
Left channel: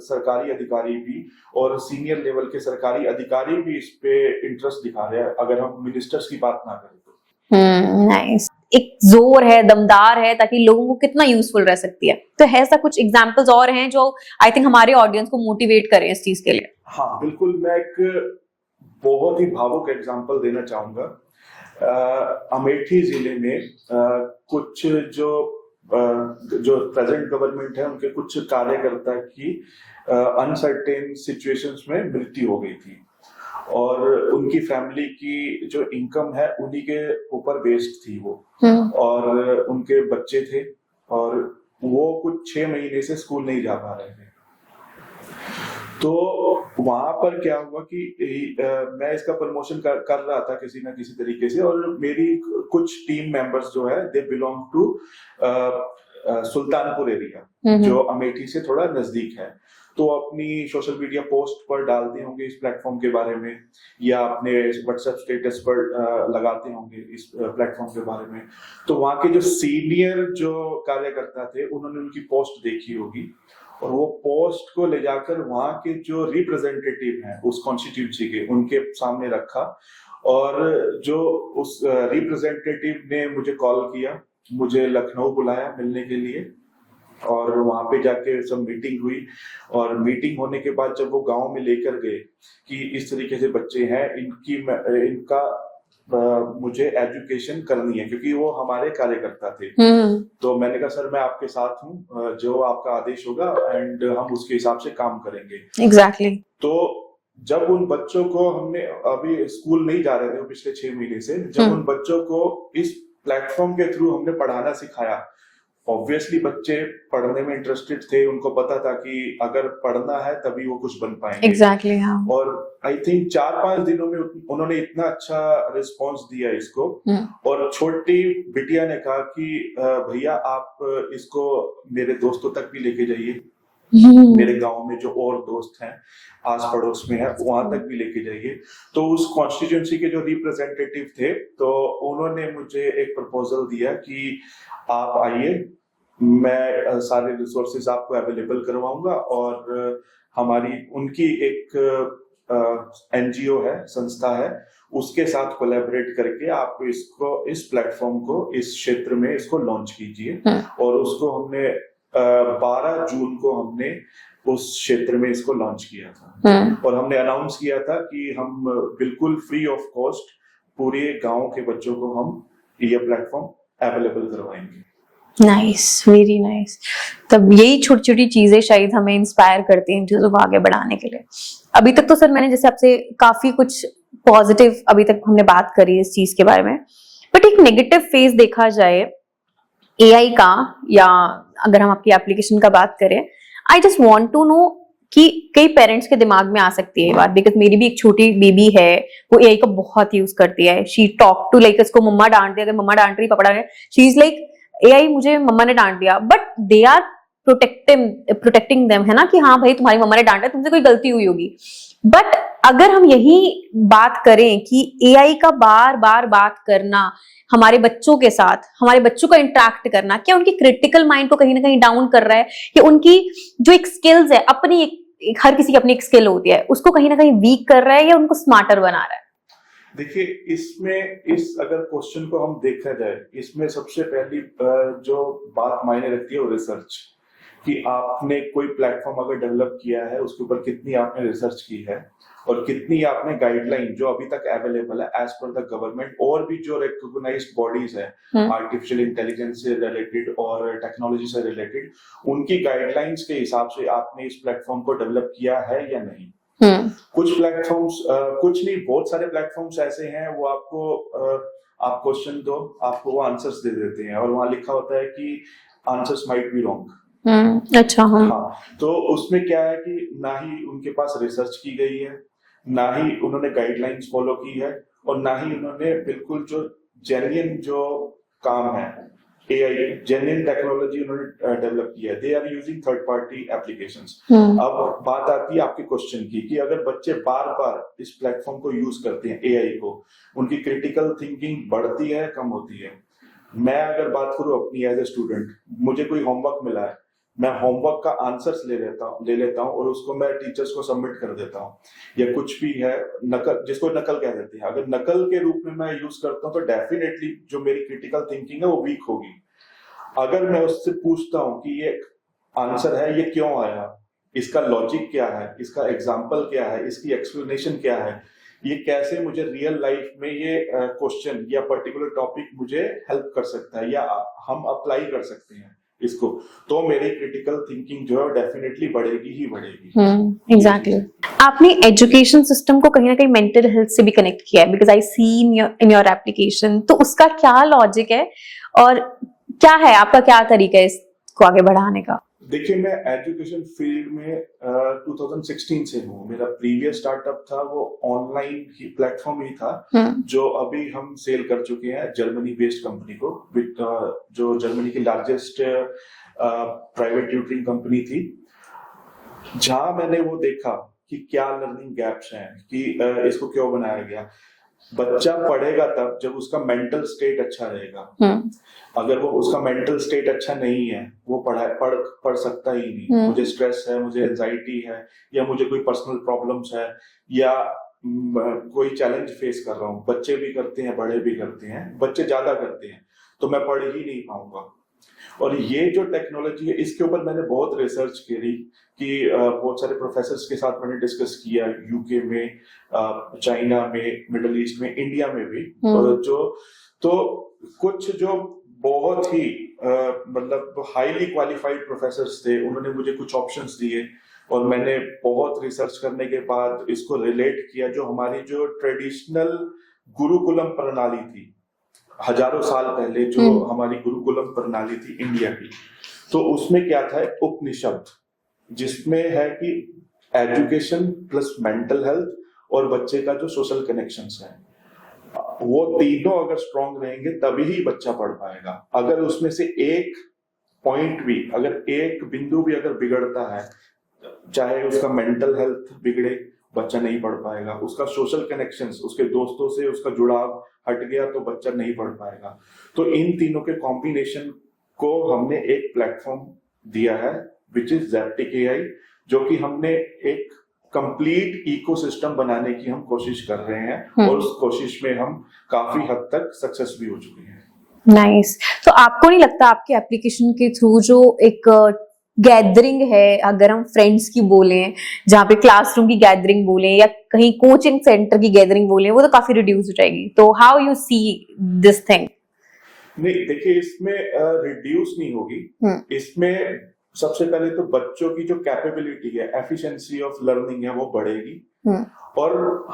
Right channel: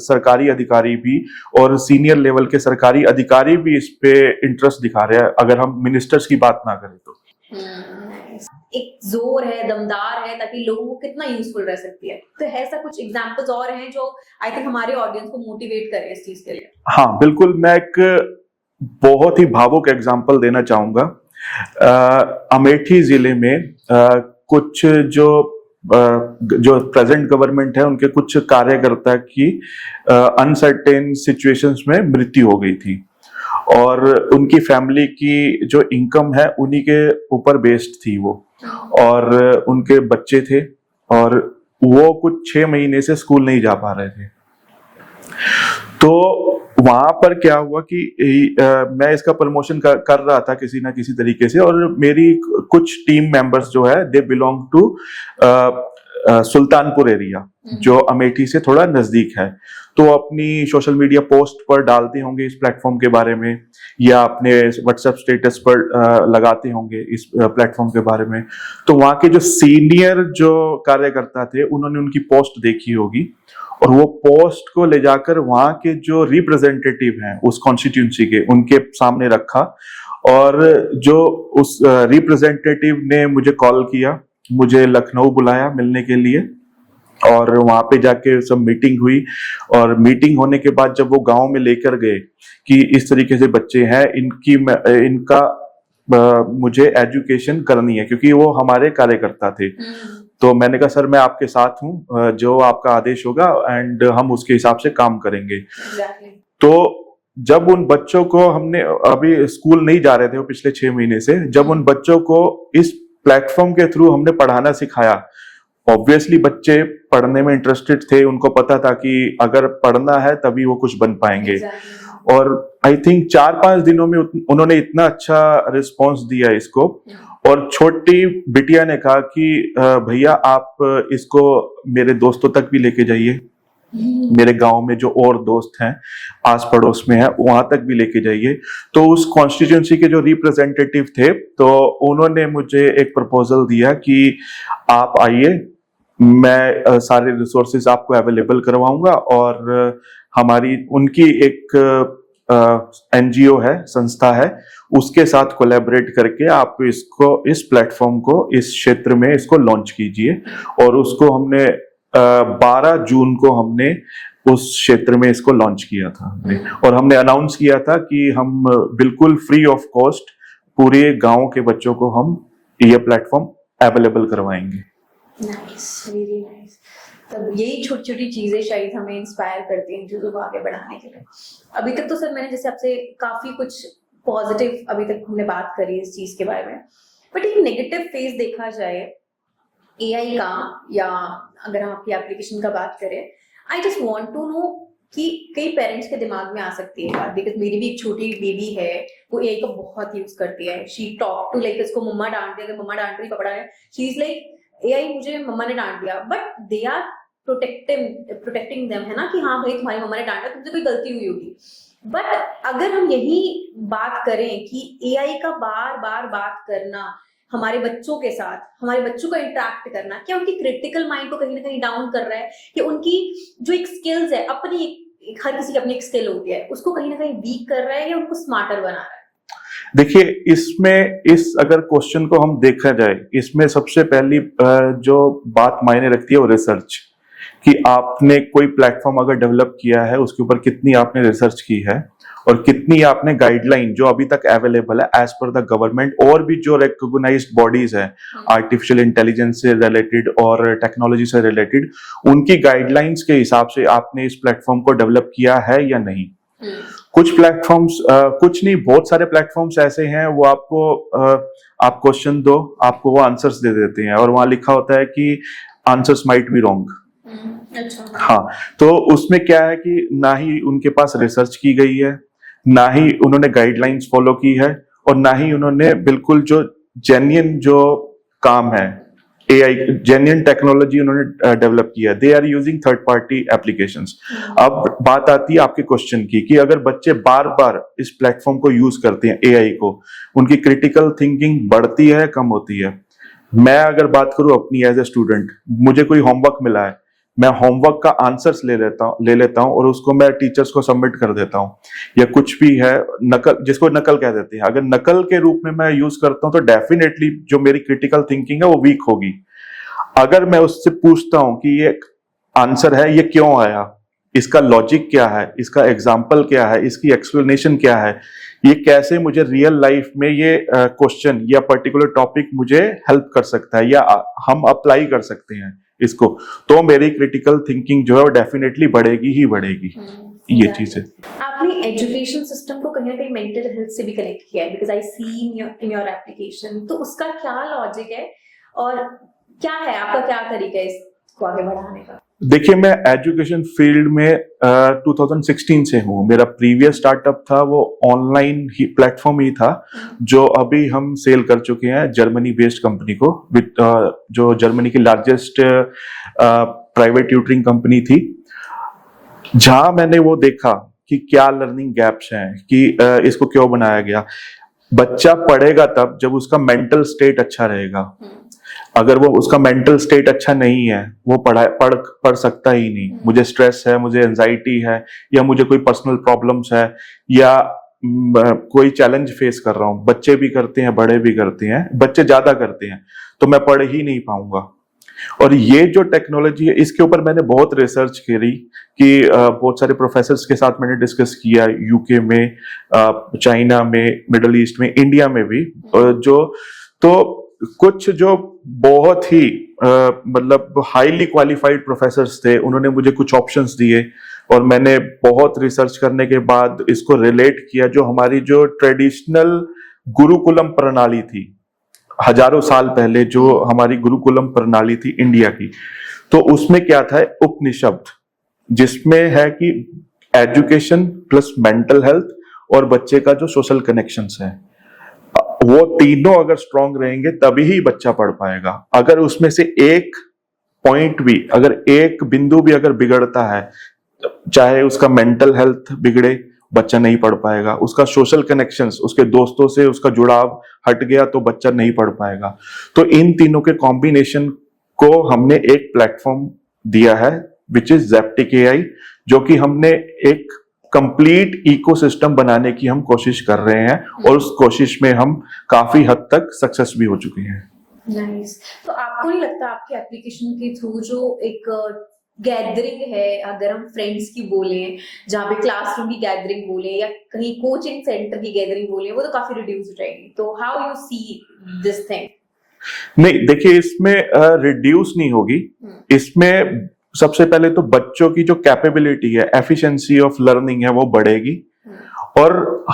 सरकारी अधिकारी भी और सीनियर लेवल के सरकारी अधिकारी भी इस पे इंटरेस्ट दिखा रहे हैं, अगर हम मिनिस्टर्स की बात ना करें तो। नाइस। एक जोर है, दमदार है, ताकि लोगों को कितना यूजफुल रह सकती है। तो ऐसा कुछ एग्जांपल्स और हैं जो आई थिंक हमारे ऑडियंस को मोटिवेट करें इस चीज के लिए? हाँ बिल्कुल, मैं एक बहुत ही भावुक एग्जांपल देना चाहूंगा। अमेठी जिले में कुछ जो प्रेजेंट गवर्नमेंट है उनके कुछ कार्यकर्ता की अनसर्टेन सिचुएशंस में मृत्यु हो गई थी, और उनकी फैमिली की जो इनकम है उन्हीं के ऊपर बेस्ड थी वो, और उनके बच्चे थे, और वो कुछ 6 महीने से स्कूल नहीं जा पा रहे थे। तो वहां पर क्या हुआ कि मैं इसका प्रमोशन कर रहा था किसी ना किसी तरीके से, और मेरी कुछ टीम मेंबर्स जो है they belong to Sultanpur area जो अमेठी से थोड़ा नजदीक है। तो अपनी सोशल मीडिया पोस्ट पर डालते होंगे इस प्लेटफॉर्म के बारे में, या अपने व्हाट्सएप स्टेटस पर लगाते होंगे इस प्लेटफॉर्म के बारे में। तो वहां के जो सीनियर जो कार्यकर्ता थे उन्होंने उनकी पोस्ट देखी होगी, और वो पोस्ट को ले जाकर वहां के जो रिप्रेजेंटेटिव हैं उस कॉन्स्टिट्यूंसी के उनके सामने रखा, और जो उस रिप्रेजेंटेटिव ने मुझे कॉल किया, मुझे लखनऊ बुलाया मिलने के लिए, और वहां पे जाके सब मीटिंग हुई। और मीटिंग होने के बाद जब वो गांव में लेकर गए कि इस तरीके से बच्चे हैं, इनका मुझे एजुकेशन करनी है, क्योंकि वो हमारे कार्यकर्ता थे। तो मैंने कहा सर मैं आपके साथ हूँ, जो आपका आदेश होगा एंड हम उसके हिसाब से काम करेंगे। एग्जैक्टली। तो जब उन बच्चों को हमने, अभी स्कूल नहीं जा रहे थे वो पिछले 6 महीने से, जब उन बच्चों को इस प्लेटफॉर्म के थ्रू हमने पढ़ाना सिखाया, ऑब्वियसली बच्चे पढ़ने में इंटरेस्टेड थे, उनको पता था कि अगर पढ़ना है तभी वो कुछ बन पाएंगे। Exactly, हाँ। और आई थिंक 4-5 दिनों में उन्होंने इतना अच्छा रिस्पांस दिया इसको, और छोटी बिटिया ने कहा कि भैया आप इसको मेरे दोस्तों तक भी लेके जाइए, मेरे गांव में जो और दोस्त हैं आस पड़ोस में है वहां तक भी लेके जाइए। तो उस कॉन्स्टिट्यूंसी के जो रिप्रेजेंटेटिव थे तो उन्होंने मुझे एक प्रपोजल दिया कि आप आइए, मैं सारे रिसोर्सेज आपको अवेलेबल करवाऊंगा, और हमारी उनकी एक एनजीओ है, संस्था है, उसके साथ कोलैबोरेट करके आप इसको, इस प्लेटफॉर्म को इस क्षेत्र में इसको लॉन्च कीजिए। और उसको हमने 12 जून को हमने उस क्षेत्र में इसको लॉन्च किया था, और हमने अनाउंस किया था कि हम बिल्कुल फ्री ऑफ कॉस्ट पूरे गांव के बच्चों को हम ये प्लेटफॉर्म अवेलेबल करवाएंगे। Nice, very nice. तब यही छोटी छोटी चीजें शायद हमें इंस्पायर करती हैं इन चीजों को आगे बढ़ाने के लिए। अभी तक तो सर मैंने जैसे आपसे काफी कुछ पॉजिटिव अभी तक हमने बात करी इस चीज के बारे में, बट एक नेगेटिव फेज देखा जाए एआई का, या अगर हम आपकी एप्लीकेशन का बात करें, I just want to know कि कई पेरेंट्स के दिमाग में आ सकती है ये बात, बिकॉज मेरी भी एक छोटी बेबी है, वो एआई का बहुत यूज करती है। शी टॉक टू लाइक, उसको मम्मा डांट दिया, अगर मम्मा डांट रही पकड़ा रहे, शी इज लाइक एआई मुझे मम्मा ने डांट दिया, but they are protecting them, है ना, कि हाँ भाई तुम्हारी मम्मा ने डांटा, तुमसे कोई गलती हुई होगी। बट अगर हम यही बात करें कि एआई का बार बार बात करना हमारे बच्चों के साथ, हमारे बच्चों का इंटरेक्ट करना, क्या उनकी क्रिटिकल माइंड को कहीं ना कहीं डाउन कर रहा है, कि उनकी जो एक स्किल्स है, अपनी एक हर किसी की अपनी एक स्किल होती है, उसको कहीं ना कहीं वीक कर रहा है, या उनको स्मार्टर बना रहा है? देखिए, इसमें इस अगर क्वेश्चन को हम देखा जाए, इसमें सबसे पहली जो बात मायने रखती है वो रिसर्च, कि आपने कोई प्लेटफॉर्म अगर डेवलप किया है उसके ऊपर कितनी आपने रिसर्च की है, और कितनी आपने गाइडलाइन जो अभी तक अवेलेबल है एज पर द गवर्नमेंट, और भी जो रिकॉग्नाइज्ड बॉडीज है आर्टिफिशियल इंटेलिजेंस से रिलेटेड और टेक्नोलॉजी से रिलेटेड, उनकी गाइडलाइंस के हिसाब से आपने इस प्लेटफॉर्म को डेवलप किया है या नहीं। कुछ प्लेटफॉर्म्स, कुछ नहीं, बहुत सारे प्लेटफॉर्म्स ऐसे हैं, वो आपको आप क्वेश्चन दो, आपको वो आंसर्स दे देते हैं, और वहां लिखा होता है कि आंसर्स माइट बी रॉन्ग। अच्छा, हाँ, तो उसमें क्या है कि ना ही उनके पास रिसर्च की गई है, ना ही उन्होंने गाइडलाइंस फॉलो की है, और ना ही उन्होंने बिल्कुल जो जेन्युइन जो काम है AI जेन्युइन टेक्नोलॉजी उन्होंने डेवलप किया, they are using third party applications. अब बात आती है आपके क्वेश्चन की कि अगर बच्चे बार बार इस प्लेटफॉर्म को यूज करते हैं, AI को, उनकी क्रिटिकल थिंकिंग बढ़ती है, कम होती है? मैं अगर बात करूं अपनी एज ए स्टूडेंट, मुझे कोई होमवर्क मिला है, मैं होमवर्क का आंसर्स ले लेता हूं और उसको मैं टीचर्स को सबमिट कर देता हूं, या कुछ भी है नकल, जिसको नकल कह देते हैं, अगर नकल के रूप में मैं यूज करता हूं तो डेफिनेटली जो मेरी क्रिटिकल थिंकिंग है वो वीक होगी। अगर मैं उससे पूछता हूं कि ये आंसर है, ये क्यों आया, इसका लॉजिक क्या है, इसका एग्जाम्पल क्या है, इसकी एक्सप्लेनेशन क्या है, ये कैसे मुझे रियल लाइफ में ये क्वेश्चन या पर्टिकुलर टॉपिक मुझे हेल्प कर सकता है, या हम अप्लाई कर सकते हैं इसको, तो मेरी क्रिटिकल थिंकिंग जो है वो डेफिनेटली बढ़ेगी ही बढ़ेगी। ये चीज है। आपने एजुकेशन सिस्टम को कहीं ना कहीं मेंटल हेल्थ से भी कनेक्ट किया है, because I see in your application, तो उसका क्या लॉजिक है और क्या है आपका, क्या तरीका है इसको आगे बढ़ाने का? देखिए, मैं एजुकेशन फील्ड में 2016 से हूँ। मेरा प्रीवियस स्टार्टअप था वो ऑनलाइन ही प्लेटफॉर्म ही था, जो अभी हम सेल कर चुके हैं जर्मनी बेस्ड कंपनी को, जो जर्मनी की लार्जेस्ट प्राइवेट ट्यूटरिंग कंपनी थी, जहां मैंने वो देखा कि क्या लर्निंग गैप्स हैं, कि इसको क्यों बनाया गया। बच्चा पढ़ेगा तब जब उसका मेंटल स्टेट अच्छा रहेगा। अगर वो उसका मेंटल स्टेट अच्छा नहीं है, वो पढ़ सकता ही नहीं। मुझे स्ट्रेस है, मुझे एंजाइटी है, या मुझे कोई पर्सनल प्रॉब्लम्स है, या कोई चैलेंज फेस कर रहा हूं, बच्चे भी करते हैं, बड़े भी करते हैं, बच्चे ज्यादा करते हैं, तो मैं पढ़ ही नहीं पाऊंगा। और ये जो टेक्नोलॉजी है, इसके ऊपर मैंने बहुत रिसर्च करी, कि बहुत सारे प्रोफेसर्स के साथ मैंने डिस्कस किया, यूके में, चाइना में, मिडल ईस्ट में, इंडिया में भी, तो कुछ जो बहुत ही मतलब हाईली क्वालिफाइड प्रोफेसर्स थे, उन्होंने मुझे कुछ ऑप्शंस दिए, और मैंने बहुत रिसर्च करने के बाद इसको रिलेट किया जो हमारी जो ट्रेडिशनल गुरुकुलम प्रणाली थी, हजारों साल पहले जो हमारी गुरुकुलम प्रणाली थी इंडिया की, तो उसमें क्या था, उपनिषद, जिसमें है कि एजुकेशन प्लस मेंटल हेल्थ और बच्चे का जो सोशल कनेक्शंस है, वो तीनों अगर स्ट्रांग रहेंगे तभी ही बच्चा पढ़ पाएगा। अगर उसमें से एक पॉइंट भी, अगर एक बिंदु भी अगर बिगड़ता है, चाहे उसका मेंटल हेल्थ बिगड़े, बच्चा नहीं पढ़ पाएगा, उसका सोशल कनेक्शंस, उसके दोस्तों से उसका जुड़ाव हट गया तो बच्चा नहीं पढ़ पाएगा। तो इन तीनों के कॉम्बिनेशन को हमने एक प्लेटफॉर्म दिया है, विच इज ज़ेप्टिक AI, जो कि हमने एक कंप्लीट इकोसिस्टम बनाने की हम कोशिश कर रहे हैं, और उस कोशिश में हम काफी हद तक सक्सेस भी हो चुके हैं। नाइस। तो आपको नहीं लगता आपके एप्लीकेशन के थ्रू जो एक गैदरिंग है, अगर हम फ्रेंड्स की बोले, जहाँ पे क्लासरूम की गैदरिंग बोले या कहीं कोचिंग सेंटर की गैदरिंग बोले, वो तो काफी रिड्यूस हो जाएगी, तो how you see this thing? नहीं, देखिए, इसमें रिड्यूस नहीं होगी। इसमें सबसे पहले तो बच्चों की जो कैपेबिलिटी है, एफिशिएंसी ऑफ लर्निंग है, वो बढ़ेगी, और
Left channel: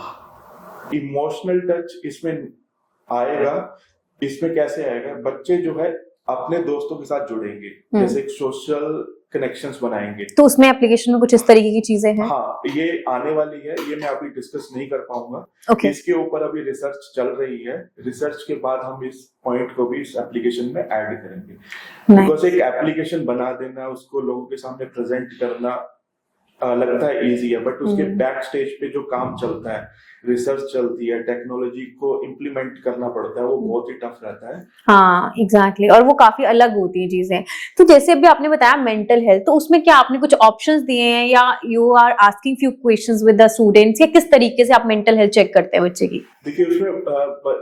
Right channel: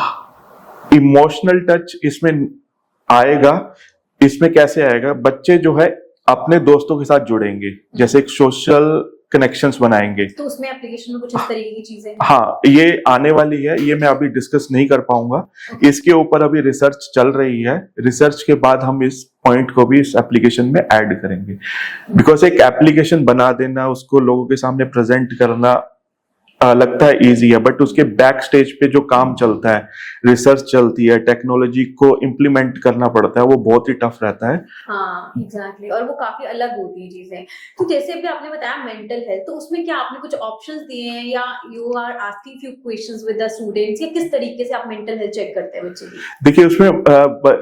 इमोशनल टच इसमें आएगा। इसमें कैसे आएगा, बच्चे जो है अपने दोस्तों के साथ जुड़ेंगे, जैसे एक सोशल कनेक्शंस बनाएंगे। तो उसमें एप्लीकेशन में कुछ इस तरीके की चीजें हैं? हाँ, ये आने वाली है, ये मैं अभी डिस्कस नहीं कर पाऊंगा। इसके ऊपर अभी रिसर्च चल रही है, रिसर्च के बाद हम इस पॉइंट को भी इस एप्लीकेशन में ऐड करेंगे। बिकॉज एक एप्लीकेशन बना देना, उसको लोगों के सामने प्रेजेंट करना लगता है इजी है, बट उसके बैक स्टेज पे जो काम चलता है, रिसर्च चलती है, टेक्नोलॉजी को इम्प्लीमेंट करना पड़ता है, वो बहुत ही टफ रहता है। हाँ, एग्जैक्टली, और वो काफी अलग होती है चीजें। तो जैसे अभी आपने बताया मेंटल हेल्थ, तो उसमें क्या आपने कुछ ऑप्शंस दिए हैं, या you are asking few questions with the students, या किस तरीके से आप मेंटल हेल्थ चेक करते हैं बच्चे की? देखिए, उसमें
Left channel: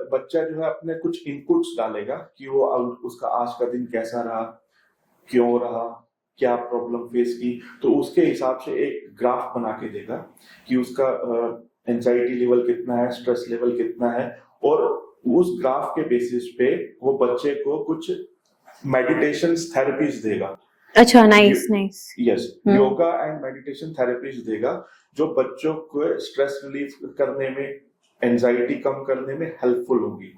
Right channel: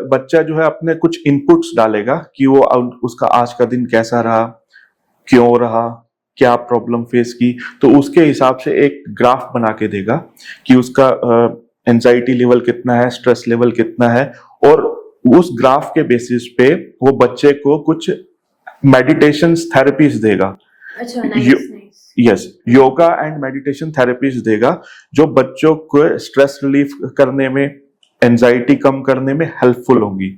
बच्चा जो है अपने कुछ इनपुट्स डालेगा कि वो उसका आज का दिन कैसा रहा, क्यों रहा, क्या प्रॉब्लम फेस की, तो उसके हिसाब से एक ग्राफ बना के देगा कि उसका एंजाइटी लेवल कितना है, स्ट्रेस लेवल कितना है, और उस ग्राफ के बेसिस पे वो बच्चे को कुछ मेडिटेशन थेरेपीज देगा। अच्छा, nice nice. Yes, yoga and meditation therapies देगा, जो बच्चों को स्ट्रेस रिलीफ करने में, एंजाइटी कम करने में हेल्पफुल होंगी।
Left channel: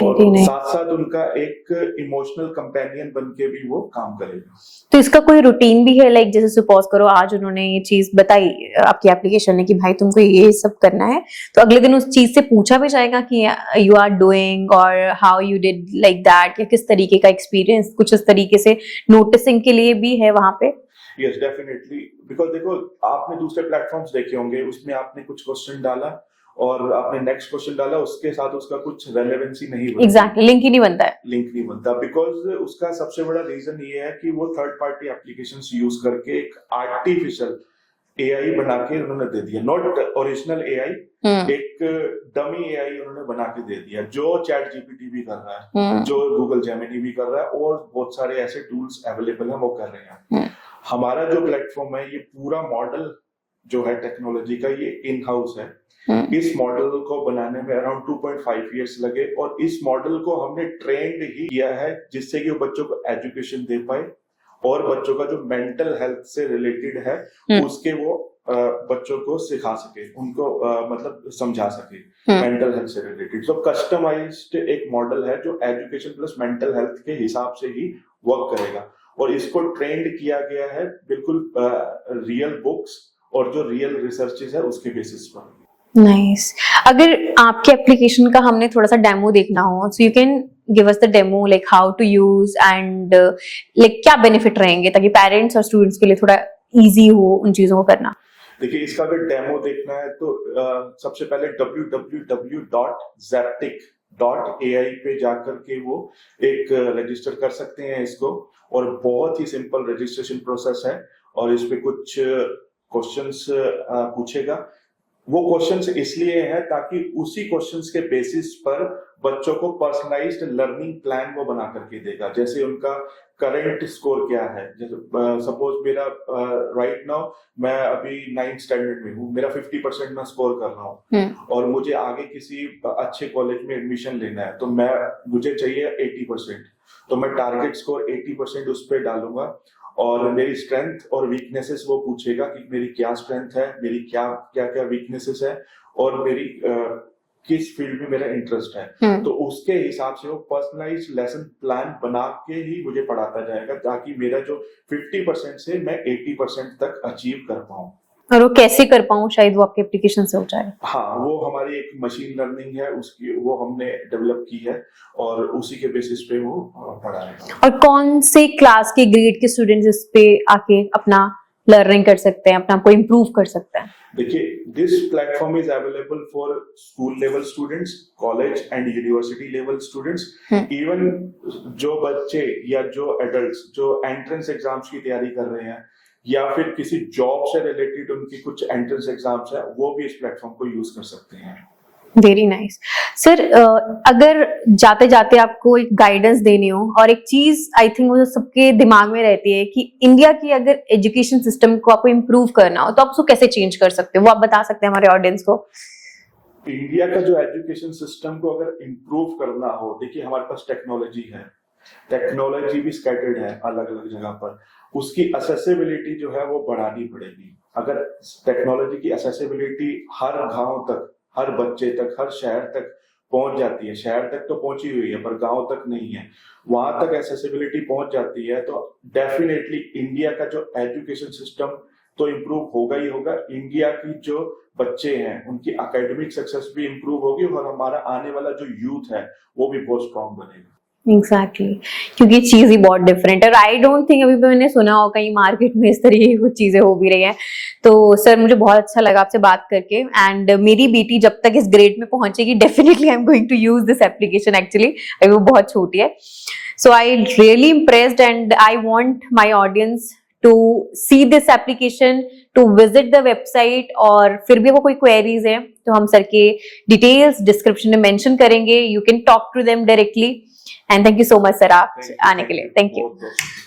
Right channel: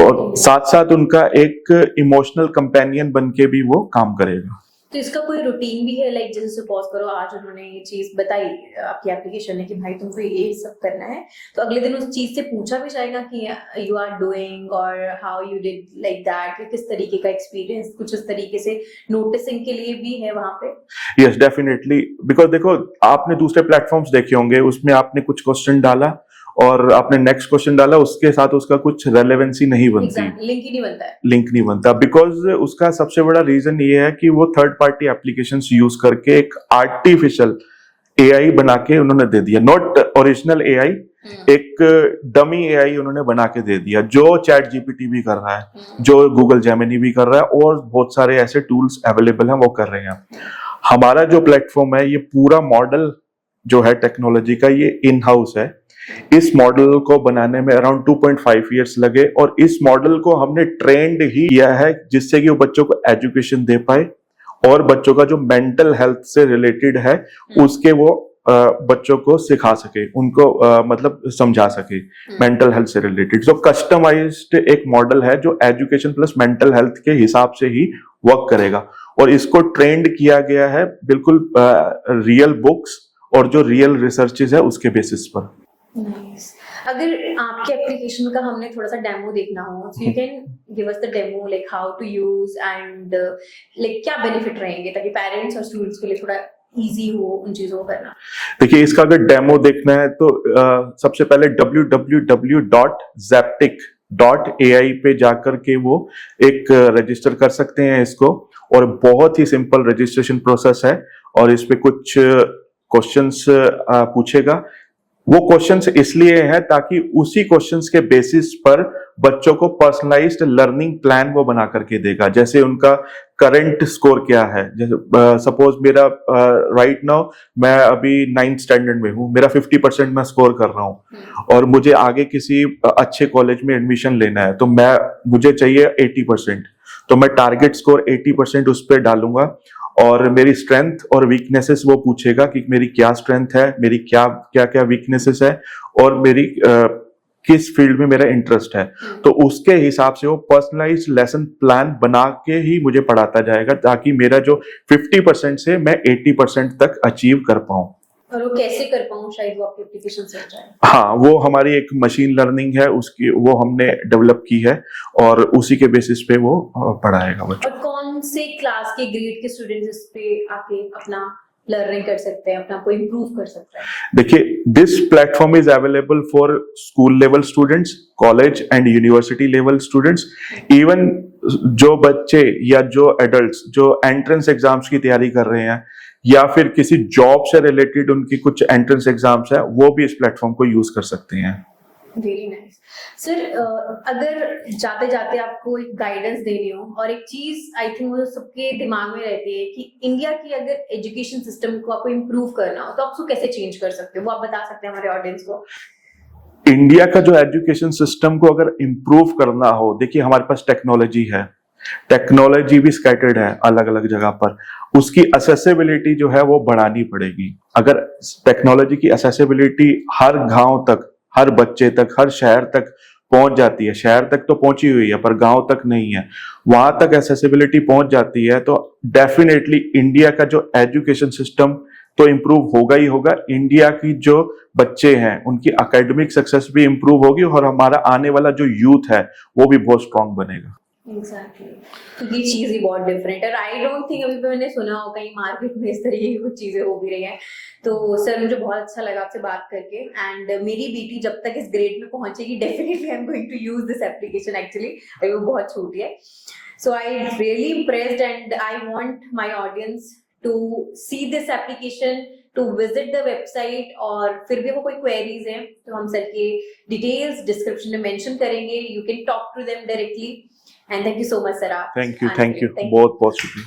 और साथ साथ उनका एक इमोशनल कंपेनियन बन के भी वो काम करेगा। तो इसका कोई रूटीन भी है, लाइक जैसे सपोज करो आज उन्होंने ये चीज बताई आपकी एप्लीकेशन ने कि भाई तुमको ये सब करना है, तो अगले दिन उस चीज से पूछा भी जाएगा कि यू आर डूइंग और how you did like that, या किस तरीके का एक्सपीरियंस कुछ इस तरीके से नोटिसिंग के लिए भी है वहां पे? यस डेफिनेटली, बिकॉज देखो आपने दूसरे प्लेटफॉर्म्स देखे होंगे, उसमें आपने कुछ क्वेश्चन डाला और आपने नेक्स्ट क्वेश्चन डाला, उसके साथ उसका कुछ रेलेवेंसी नहीं बनती। एग्जैक्टली, लिंक ही नहीं बनता है। लिंक नहीं बनता बिकॉज उसका सबसे बड़ा रीजन ये है कि वो थर्ड पार्टी एप्लीकेशंस यूज करके एक आर्टिफिशियल एआई बना के उन्होंने दे दिया, नॉट ओरिजिनल एआई, एक डमी एआई उन्होंने बना के दे दिया, जो चैट जीपीटी भी कर रहा है, जो गूगल जेमिनी भी कर रहा है, और बहुत सारे ऐसे टूल्स अवेलेबल हैं वो कर रहे हैं। हमारा जो प्लेटफॉर्म है, ये पूरा मॉडल जो है टेक्नोलॉजी का, ये इन हाउस है। इस मॉडल को बनाने में अराउंड 2.5 इयर्स लगे, और इस मॉडल को हमने ट्रेंड ही किया है जिससे कि वो बच्चों को एजुकेशन दे पाए, और बच्चों का जो मेंटल हेल्थ से रिलेटेड है उसके वो बच्चों को सिखा सके, उनको मतलब समझा सके मेंटल हेल्थ से रिलेटेड। सो कस्टमाइज्ड एक मॉडल है जो एजुकेशन प्लस मेंटल हेल्थ के हिसाब से ही वर्क करेगा, और इसको ट्रेंड किया गया है बिल्कुल रियल बुक्स और जो रियल रिसर्चेस है उसके बेसिस पर। नाइस। अगर आपके एप्लीकेशन का हमने थोड़ा सा डेमो देखना हो, so you can give us the demo, like how to use and like क्या बेनिफिट रहेंगे ताकि पेरेंट्स और स्टूडेंट्स के लिए थोड़ा इजी हो उन चीजों को करना। देखिए, इसका अगर डेमो देखना है तो सबसे पहले www.zaptic.ai पे जाकर के वो एक रजिस्टर कर सकते हैं इसको, और बहुत ही सिंपल रजिस्ट्रेशन प्रोसेस है, और इस पे कुछ क्वेश्चंस पूछेगा। वो क्वेश्चंस इसलिए हैं ताकि उसी क्वेश्चंस के बेसिस पर बच्चों को पर्सनलाइज्ड लर्निंग प्लान वो बना करके देगा। जैसे उनका करंट स्कोर क्या है, जैसे सपोज मेरा राइट नाउ मैं अभी 9th स्टैंडर्ड में हूँ, मेरा 50% मैं स्कोर कर रहा हूँ, और मुझे आगे किसी अच्छे कॉलेज में एडमिशन लेना है, तो मुझे चाहिए 80%, तो मैं टारगेट स्कोर 80% उस पर डालूंगा, और मेरी स्ट्रेंथ और वीकनेसेस वो पूछेगा कि मेरी क्या स्ट्रेंथ है, मेरी क्या क्या क्या वीकनेसेस है, और मेरी किस फील्ड में मेरा इंटरेस्ट है। तो उसके हिसाब से वो पर्सनलाइज्ड लेसन प्लान बना के ही मुझे पढ़ाता जाएगा, ताकि मेरा जो 50% से मैं 80% तक अचीव कर पाऊं। और वो कैसे कर पाऊं, शायद वो आपके एप्लीकेशन से हो जाए। हाँ, वो हमारी एक मशीन लर्निंग है, उसकी वो हमने डेवलप की है, और उसी के बेसिस पे वो पढ़ाएगा। और कौन से क्लास के ग्रेड के स्टूडेंट्स इस पे आके अपना लर्निंग कर सकते हैं, अपना को इम्प्रूव कर सकते हैं? देखिए, this platform is available for school level students, college and university level students, even जो बच्चे या जो एडल्ट्स जो एंट्रेंस एग्जाम्स की तैयारी कर रहे हैं, या फिर किसी जॉब से रिलेटेड उनकी कुछ एंट्रेंस एग्जाम्स है, वो भी इस प्लेटफॉर्म को यूज कर सकते हैं। Very nice. सर, अगर जाते जाते आपको एक गाइडेंस देनी हो, और एक चीज आई थिंक वो सबके दिमाग में रहती है कि इंडिया की अगर एजुकेशन सिस्टम को आपको इम्प्रूव करना हो तो आप उसको कैसे चेंज कर सकते हो, वो आप बता सकते हैं हमारे ऑडियंस को? इंडिया का जो एजुकेशन सिस्टम को अगर इम्प्रूव करना हो, देखिए हमारे पास टेक्नोलॉजी है, टेक्नोलॉजी भी स्कैटर्ड है अलग अलग जगह पर, उसकी असेसिबिलिटी जो है वो बढ़ानी पड़ेगी। अगर टेक्नोलॉजी की असेसिबिलिटी हर गांव तक, हर बच्चे तक, हर शहर तक पहुंच जाती है, शहर तक तो पहुंची हुई है पर गांव तक नहीं है, वहां तक एसेसिबिलिटी पहुंच जाती है, तो डेफिनेटली इंडिया का जो एजुकेशन सिस्टम तो इम्प्रूव होगा ही होगा। इंडिया की जो बच्चे हैं उनकी एकेडमिक सक्सेस भी इम्प्रूव होगी, और हमारा आने वाला जो यूथ है वो भी बहुत स्ट्रांग बनेगा। एग्जैक्टली, क्योंकि चीज ही बहुत डिफरेंट है। आई डोंट थिंक अभी भी मैंने सुना हो कहीं मार्केट में इस तरीके की कुछ चीजें हो भी रही हैं। तो सर, मुझे बहुत अच्छा लगा आपसे बात करके, एंड मेरी बेटी जब तक इस ग्रेड में पहुंचेगी definitely I am going to use this application. Actually अभी वो बहुत छोटी है, so I really impressed and I want my audience to see this application, to visit the website, और फिर भी वो कोई क्वेरीज है तो हम सर के डिटेल्स डिस्क्रिप्शन में मेंशन करेंगे, you can talk to them directly. And thank you so much sir, आप आने के लिए। बहुत बहुत शुक्रिया।